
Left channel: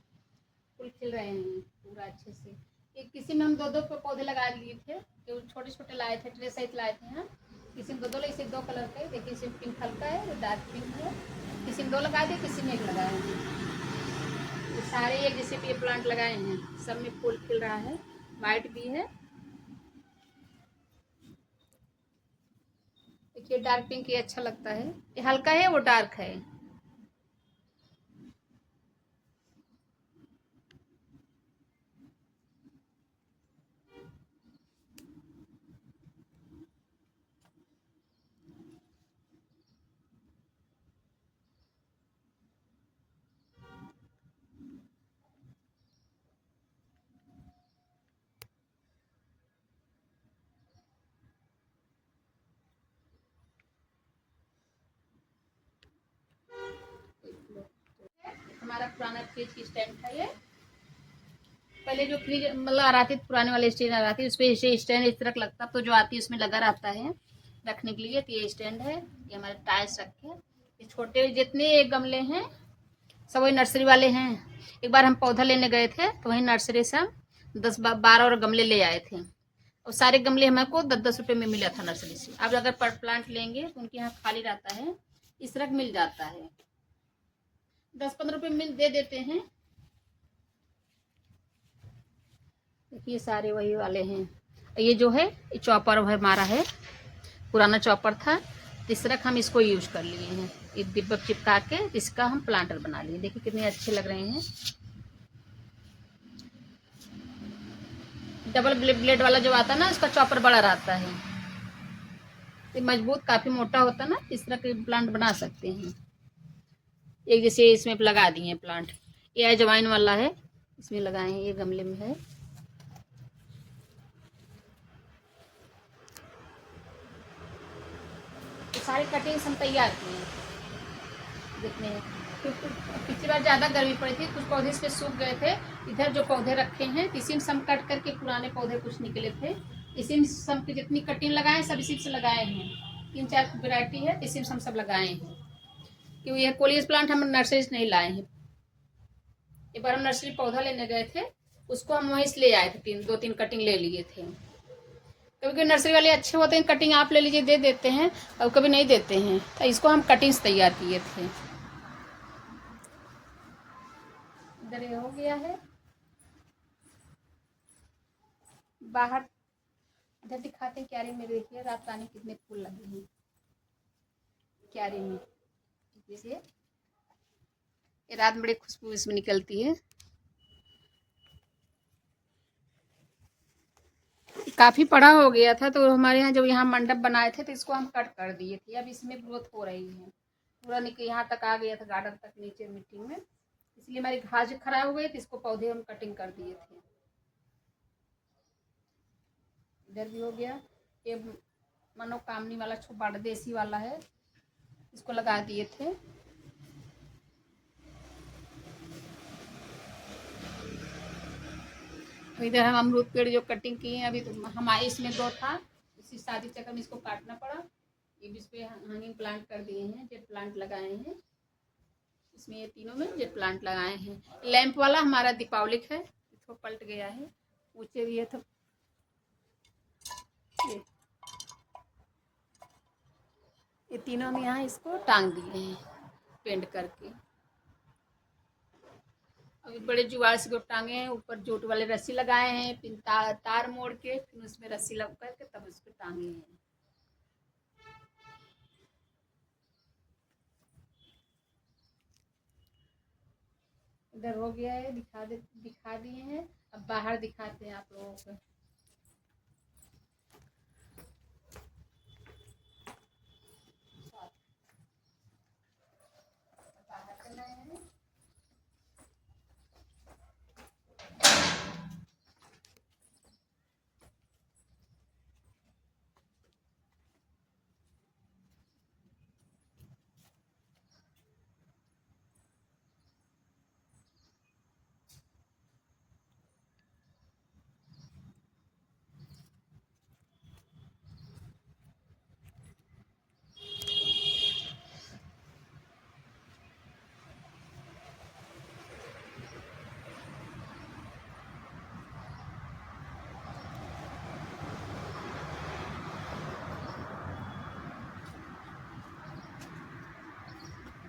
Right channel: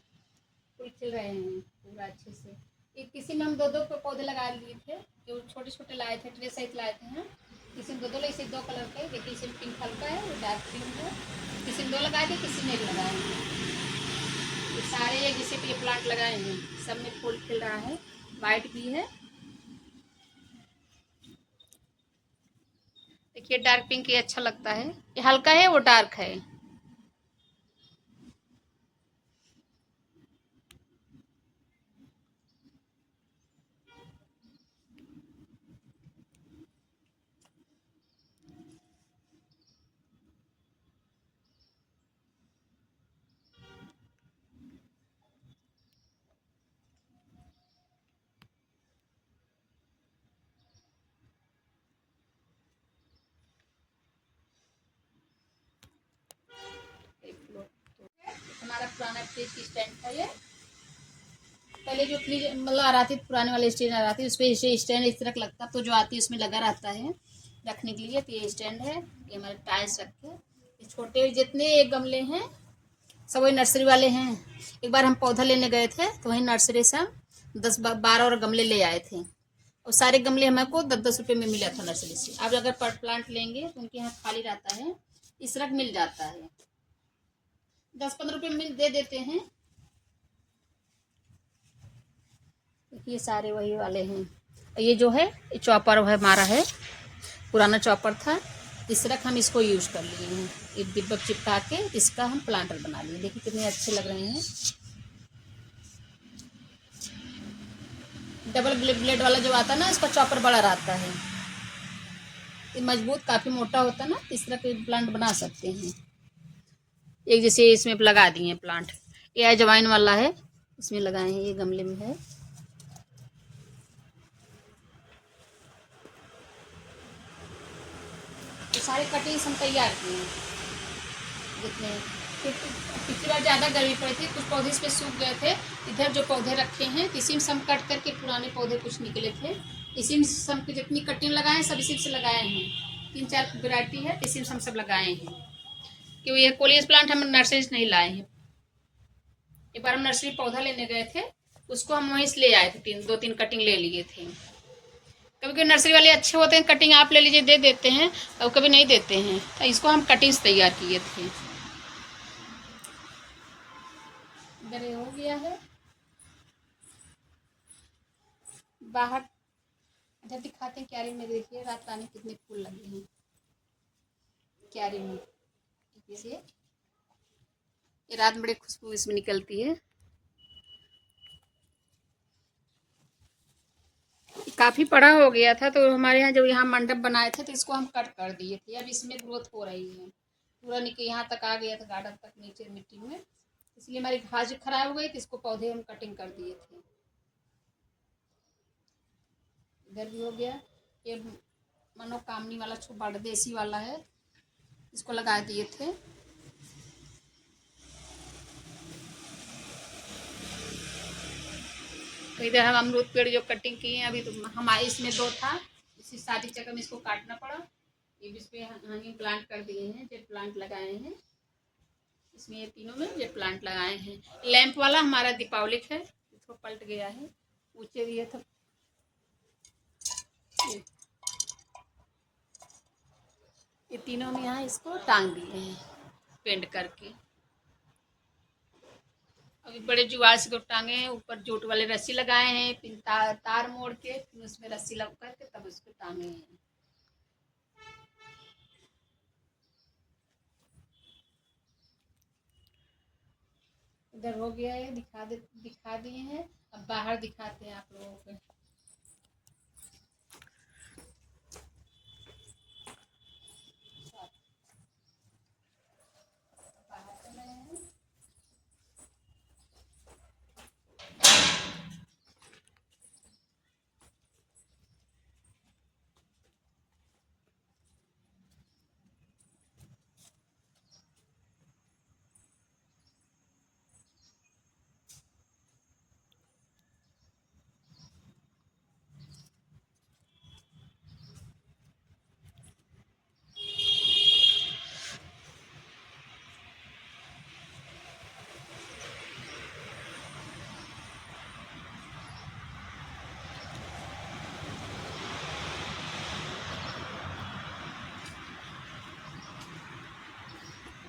फूल खिल रहे हैं पूरा अच्छे से। एक किसी में हम 2-2 पौधे लगा लिए थे, जो छोटे छोटे लाए थे, ट्रे सहित लाए थे हम, किसी में 2-2 इसे 2 कलर के, देखिए इसे पिंक हल्का है, डार्क पिंक है, किसी में 2 लगाए थे, किसी में 1 लगाए हैं। ये सारे जैसे भी ये प्लांट लगाए हैं सब में फूल खिल रहा है, वाइट भी है। देखिए डार्क पिंक ये अच्छा लगता है, ये हल्का है वो डार्क है। हमारा पुराना फ्रिज की स्टैंड था ये, पहले जो फ्रिज मतलब आ रहा थी पुराने वाले स्टैंड आ रहा थी, उस पर स्टैंड इस तरह लगता, तो जो आती है उसमें लगा रहता है रखने के लिए, तो ये स्टैंड है, ये हमारे टाइल्स रखे, ये छोटे जितने गमले हैं सब वही नर्सरी वाले हैं। एक बार हम पौधा लेने गए थे तो वहीं नर्सरी से हम 10-12 और गमले ले आए थे, और सारे गमले हमको 10-10 रुपये में मिला था नर्सरी से। अब अगर पर प्लांट लेंगे तो उनके यहाँ खाली रहता है, इस तरह मिल जाता है, 10-15 रुपये में दे देते हैं। ये सारे वही वाले हैं। ये जो है ये चॉपर हमारा है, पुराना चॉपर था, इस तरह हम इसको यूज़ कर लिए हैं, एक डिब्बा चिपका के इसका हम प्लांटर बना लिए, देखिए कितने अच्छे लग रहे हैं। डबल ब्लेड वाला जो आता है ना, इसका चॉपर बड़ा रहता है, ये मजबूत काफ़ी मोटा होता है ना, इस तरह के प्लांट बना सकते हैं। एक जैसे इसमें लगा दिए प्लांट, ये अजवाइन वाला है, इसमें लगाए हैं, ये गमले में है। तो सारे कटिंग्स हम तैयार किए हैं जितने, पिछली बार ज़्यादा गर्मी पड़ी थी, कुछ पौधे इस पर सूख गए थे, इधर जो पौधे रखे हैं इसी में सब कट करके पुराने पौधे कुछ निकले थे, इसी में सब की जितनी कटिंग लगाए सब इसी से लगाए हैं, 3-4 वैरायटी है, इसी में हम सब लगाए हैं, क्योंकि ये कोलियस प्लांट हम नर्सरी से नहीं लाए हैं। एक बार हम नर्सरी पौधा लेने गए थे, उसको हम वहीं से ले आए थे, 2-3 कटिंग ले लिए थे। कभी कभी नर्सरी वाले अच्छे होते हैं, कटिंग आप ले लीजिए दे देते हैं, और कभी नहीं देते हैं, तो इसको हम कटिंग्स तैयार किए थे। इधर हो गया है, बाहर इधर दिखाते हैं क्यारी में। देखिए रात पानी कितने फूल लगे हैं क्यारी में। देखिए ये रात में बड़ी खुशबू इसमें निकलती है। काफ़ी बड़ा हो गया था तो हमारे यहाँ जब यहाँ मंडप बनाए थे तो इसको हम कट कर दिए थे। अब इसमें ग्रोथ हो रही है, पूरा निकल यहाँ तक आ गया था, गार्डन तक नीचे मिट्टी में। इसलिए हमारी घास खराब हो गई तो इसको पौधे हम कटिंग कर दिए थे। इधर भी हो गया। ये मनोकामनी वाला छोटा देसी वाला है, इसको लगा दिए थे। इधर हम अमरूद पेड़ जो कटिंग किए हैं अभी, तो हमारे इसमें 2 था, इसी शादी चक्कर में इसको काटना पड़ा। ये भी इस पे हनी प्लांट कर दिए हैं, जेट प्लांट लगाए हैं इसमें। ये तीनों में जेट प्लांट लगाए हैं। लैंप वाला हमारा दीपावलिक है, इसको पलट गया है, ऊंचे दिए था। ये तीनों में यहाँ इसको टांग दिए हैं पेंट करके। अभी बड़े जुआर से को टांगे हैं, ऊपर जोट वाले रस्सी लगाए हैं, फिर तार मोड़ के फिर उसमें रस्सी लग करके तब उसको टांगे हैं। इधर हो गया है, दिखा दिए हैं। अब बाहर दिखाते हैं आप लोगों को।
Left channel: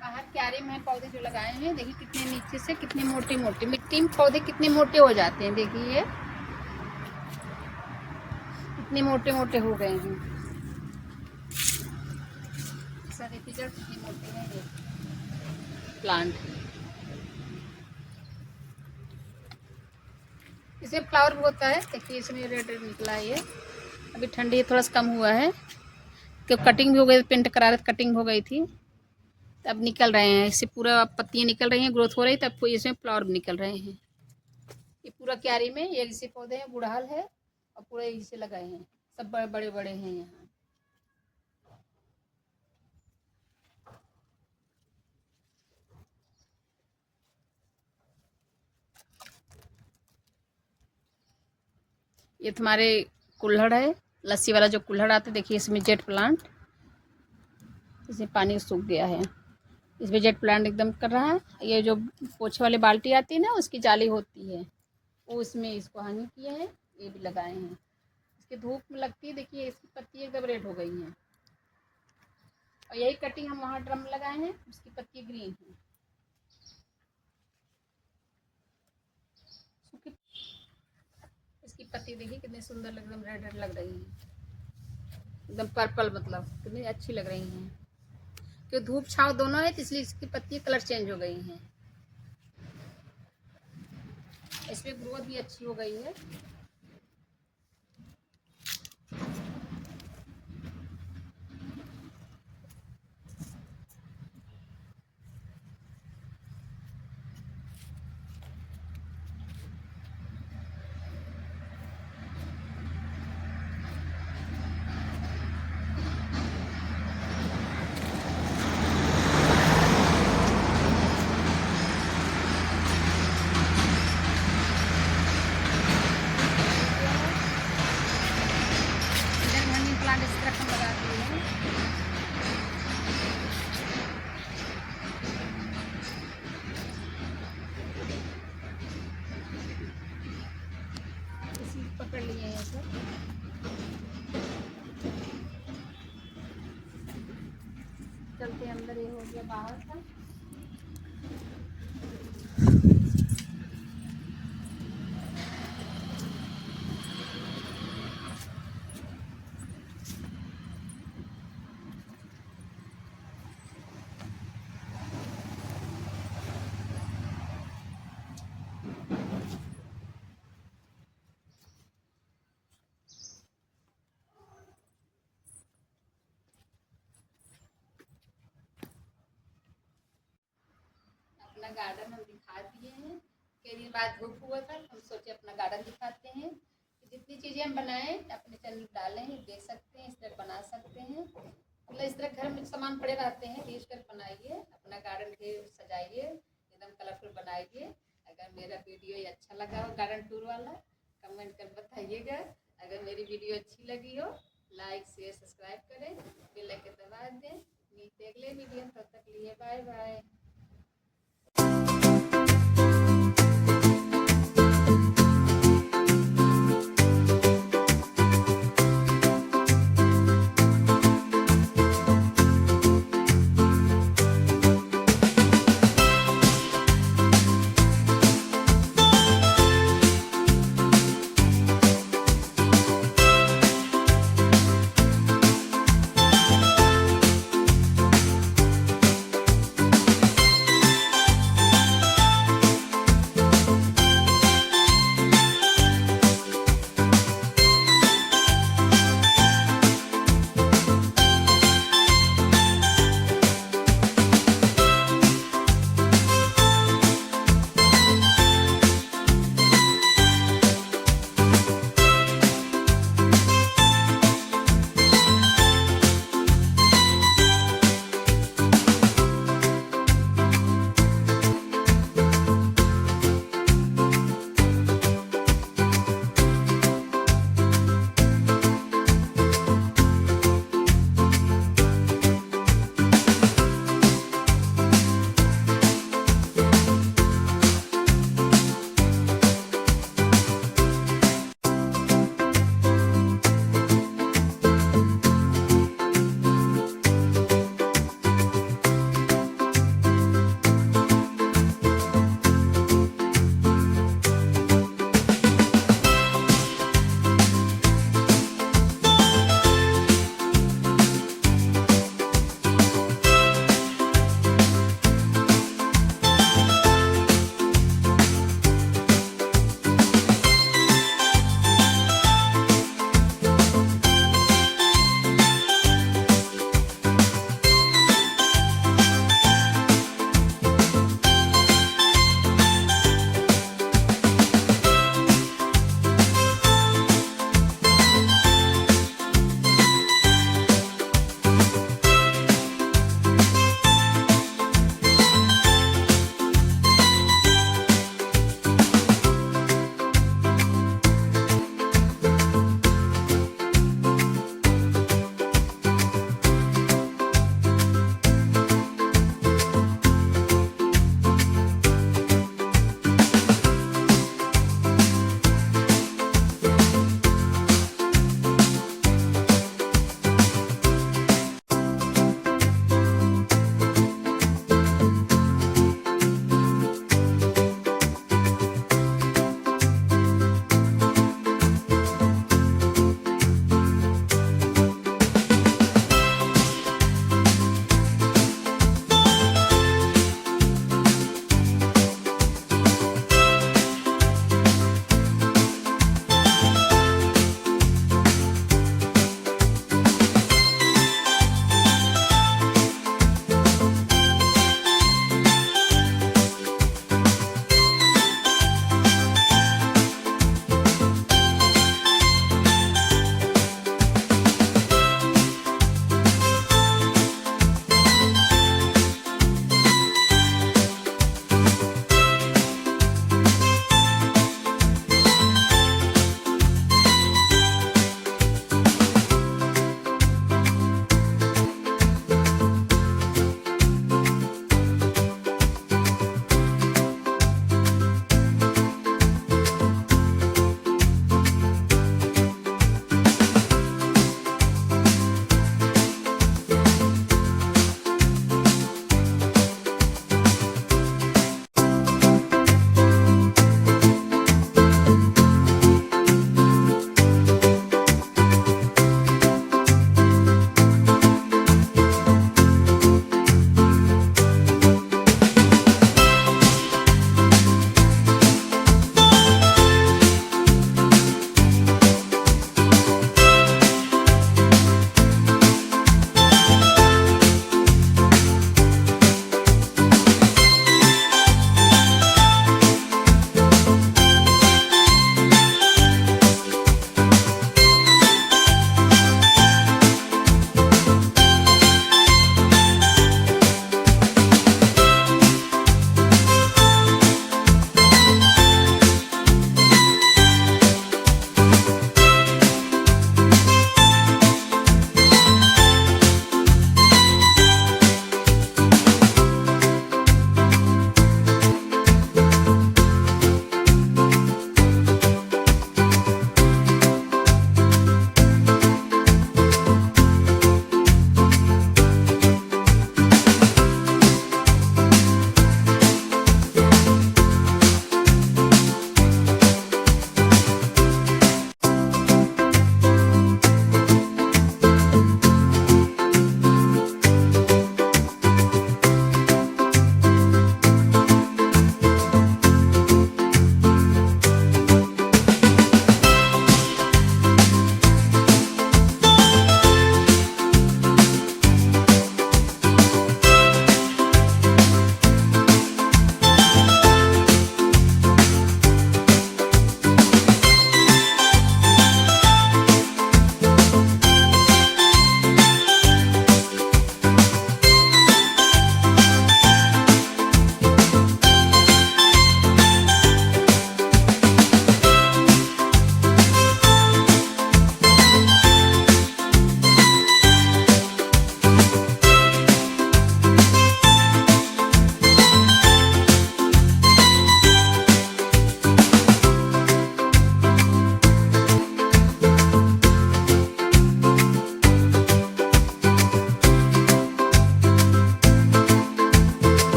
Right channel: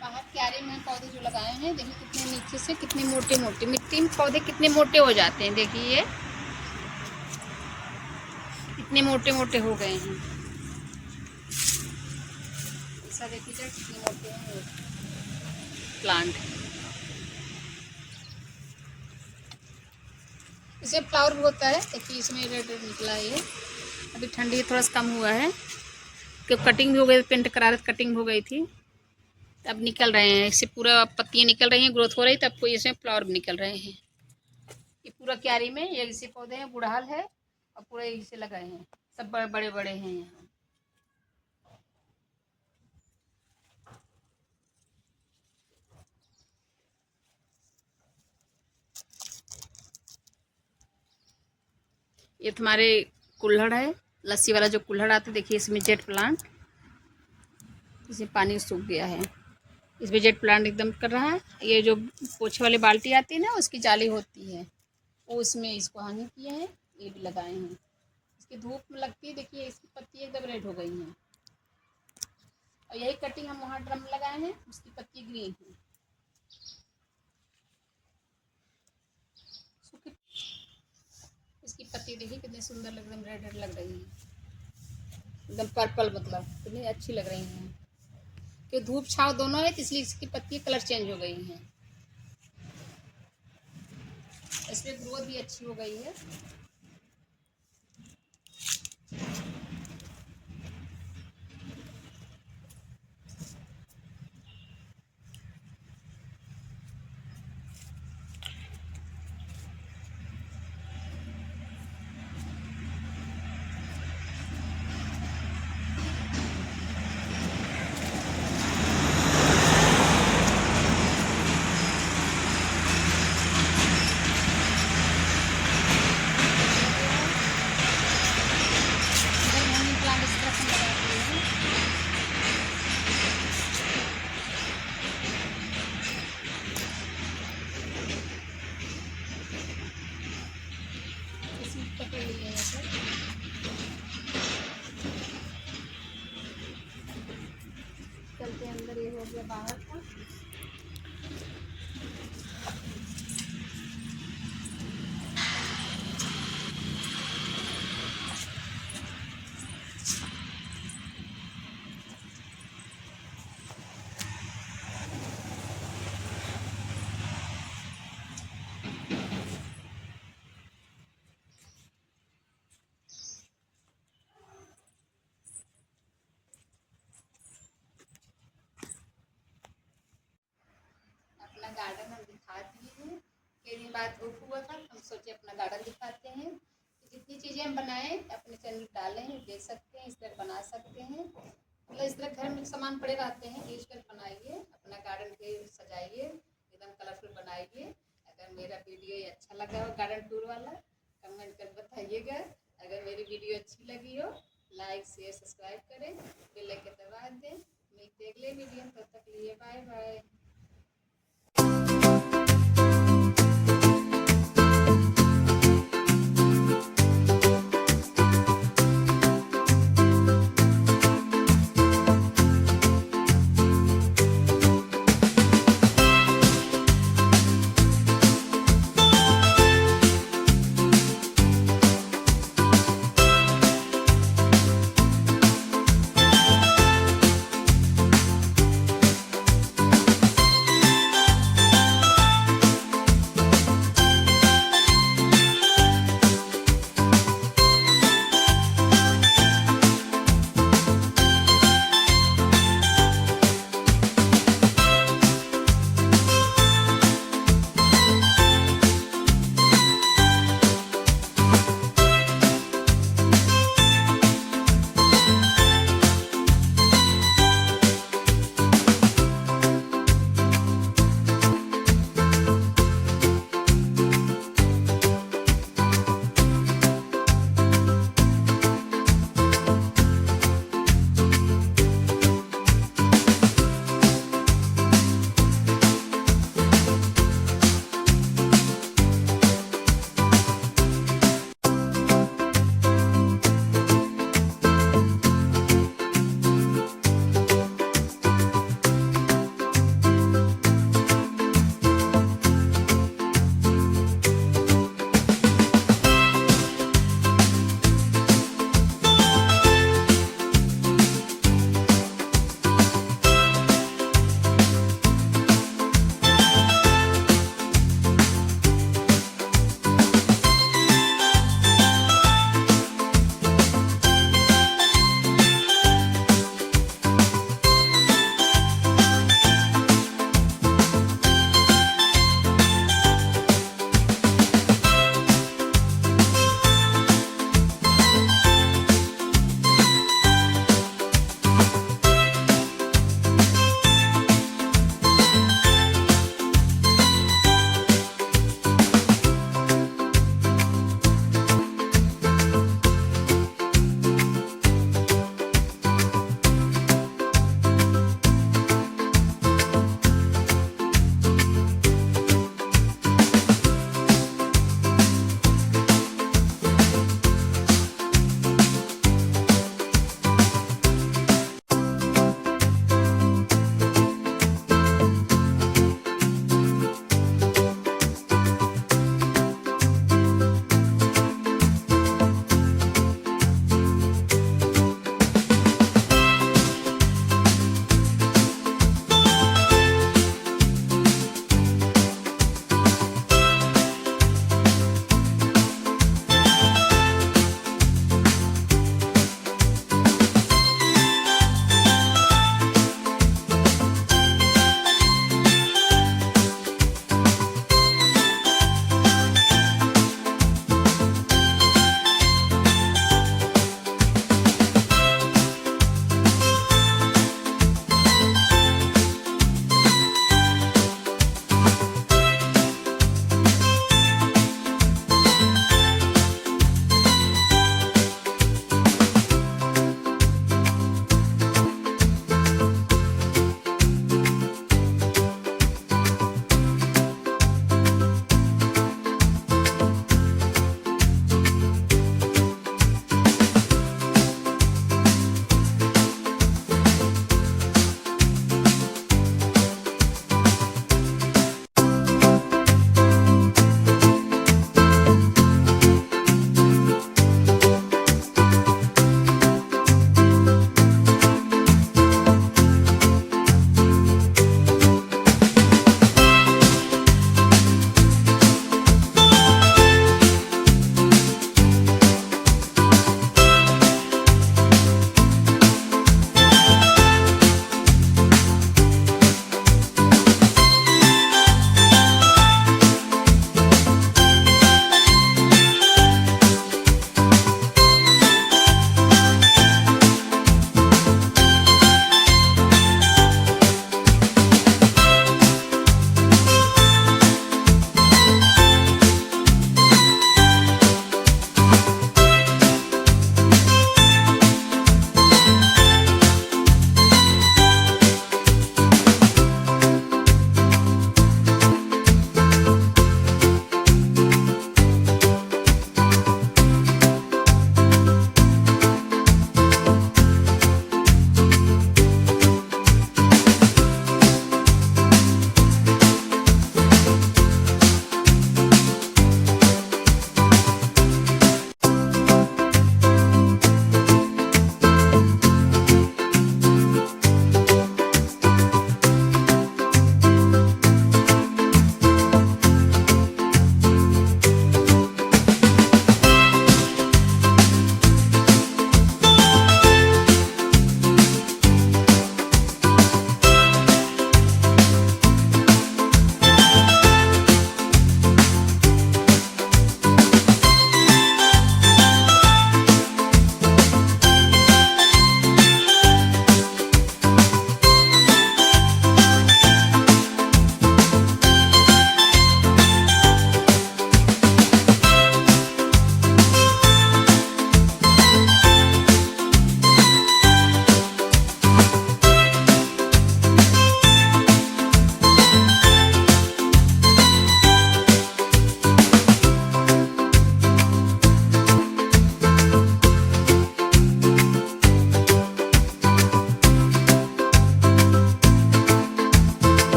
बाहर क्यारी में पौधे जो लगाए हैं, देखिए कितने नीचे से कितने मोटे मोटे, मिट्टी में पौधे कितने मोटे हो जाते हैं। देखिए ये कितने मोटे मोटे हो गए हैं। ऐसा देखिए जड़ कितने मोटे हैं प्लांट। इसे फ्लावर भी होता है। देखिए इसमें रेड रेड निकला है ये। अभी ठंडी थोड़ा सा कम हुआ है, क्योंकि कटिंग भी हो गई, पेंट करा रहे कटिंग हो गई थी। अब निकल रहे हैं, इससे पूरा पत्तियाँ निकल रही हैं, ग्रोथ हो रही है, तब कोई इसमें फ्लावर भी निकल रहे हैं। ये पूरा क्यारी में ये इसी पौधे हैं, गुड़हल है और पूरे इसे लगाए हैं। सब बड़े बड़े बड़े हैं यहाँ। ये तुम्हारे कुल्हड़ है, लस्सी वाला जो कुल्हड़ आता है। देखिए इसमें जेट प्लांट, इसमें पानी सूख गया है, इसमें जेट प्लांट एकदम कर रहा है। ये जो पोछे वाली बाल्टी आती है ना, उसकी जाली होती है, वो उसमें इसको हानि किया है। ये भी लगाए हैं, इसकी धूप में लगती है। देखिए इसकी पत्ती एकदम रेड हो गई हैं। और यही कटिंग हम वहाँ ड्रम लगाए हैं, उसकी पत्ती ग्रीन है। इसकी पत्ती देखिए कितनी सुंदर लग रही है, रेड रेड लग रही है, एकदम पर्पल, मतलब कितनी अच्छी लग रही हैं। क्योंकि धूप छाँव दोनों है, तो इसलिए इसकी पत्ती कलर चेंज हो गई हैं। इसमें ग्रोथ भी अच्छी हो गई है। इस तरह हम लगाते हैं। इसमें पकड़ लिए हैं सब। चलते अंदर, ये हो गया बाहर का। अपना गार्डन हम दिखा दिए हैं। कई दिन बाद धूप हुआ था, हम सोचे अपना गार्डन दिखाते हैं। जितनी चीज़ें हम बनाएं अपने चैनल डालें, देख सकते हैं, इस तरह बना सकते हैं। मतलब इस तरह घर में सामान पड़े रहते हैं, यूज कर बनाइए, अपना गार्डन के सजाइए, एकदम कलरफुल बनाइए। अगर मेरा वीडियो ये अच्छा लगा हो गार्डन टूर वाला, कमेंट कर बताइएगा। अगर मेरी वीडियो अच्छी लगी हो, लाइक शेयर सब्सक्राइब करें, बेल आइकन दबा दें। मिलते अगले वीडियो, तब तक लिए बाय बाय।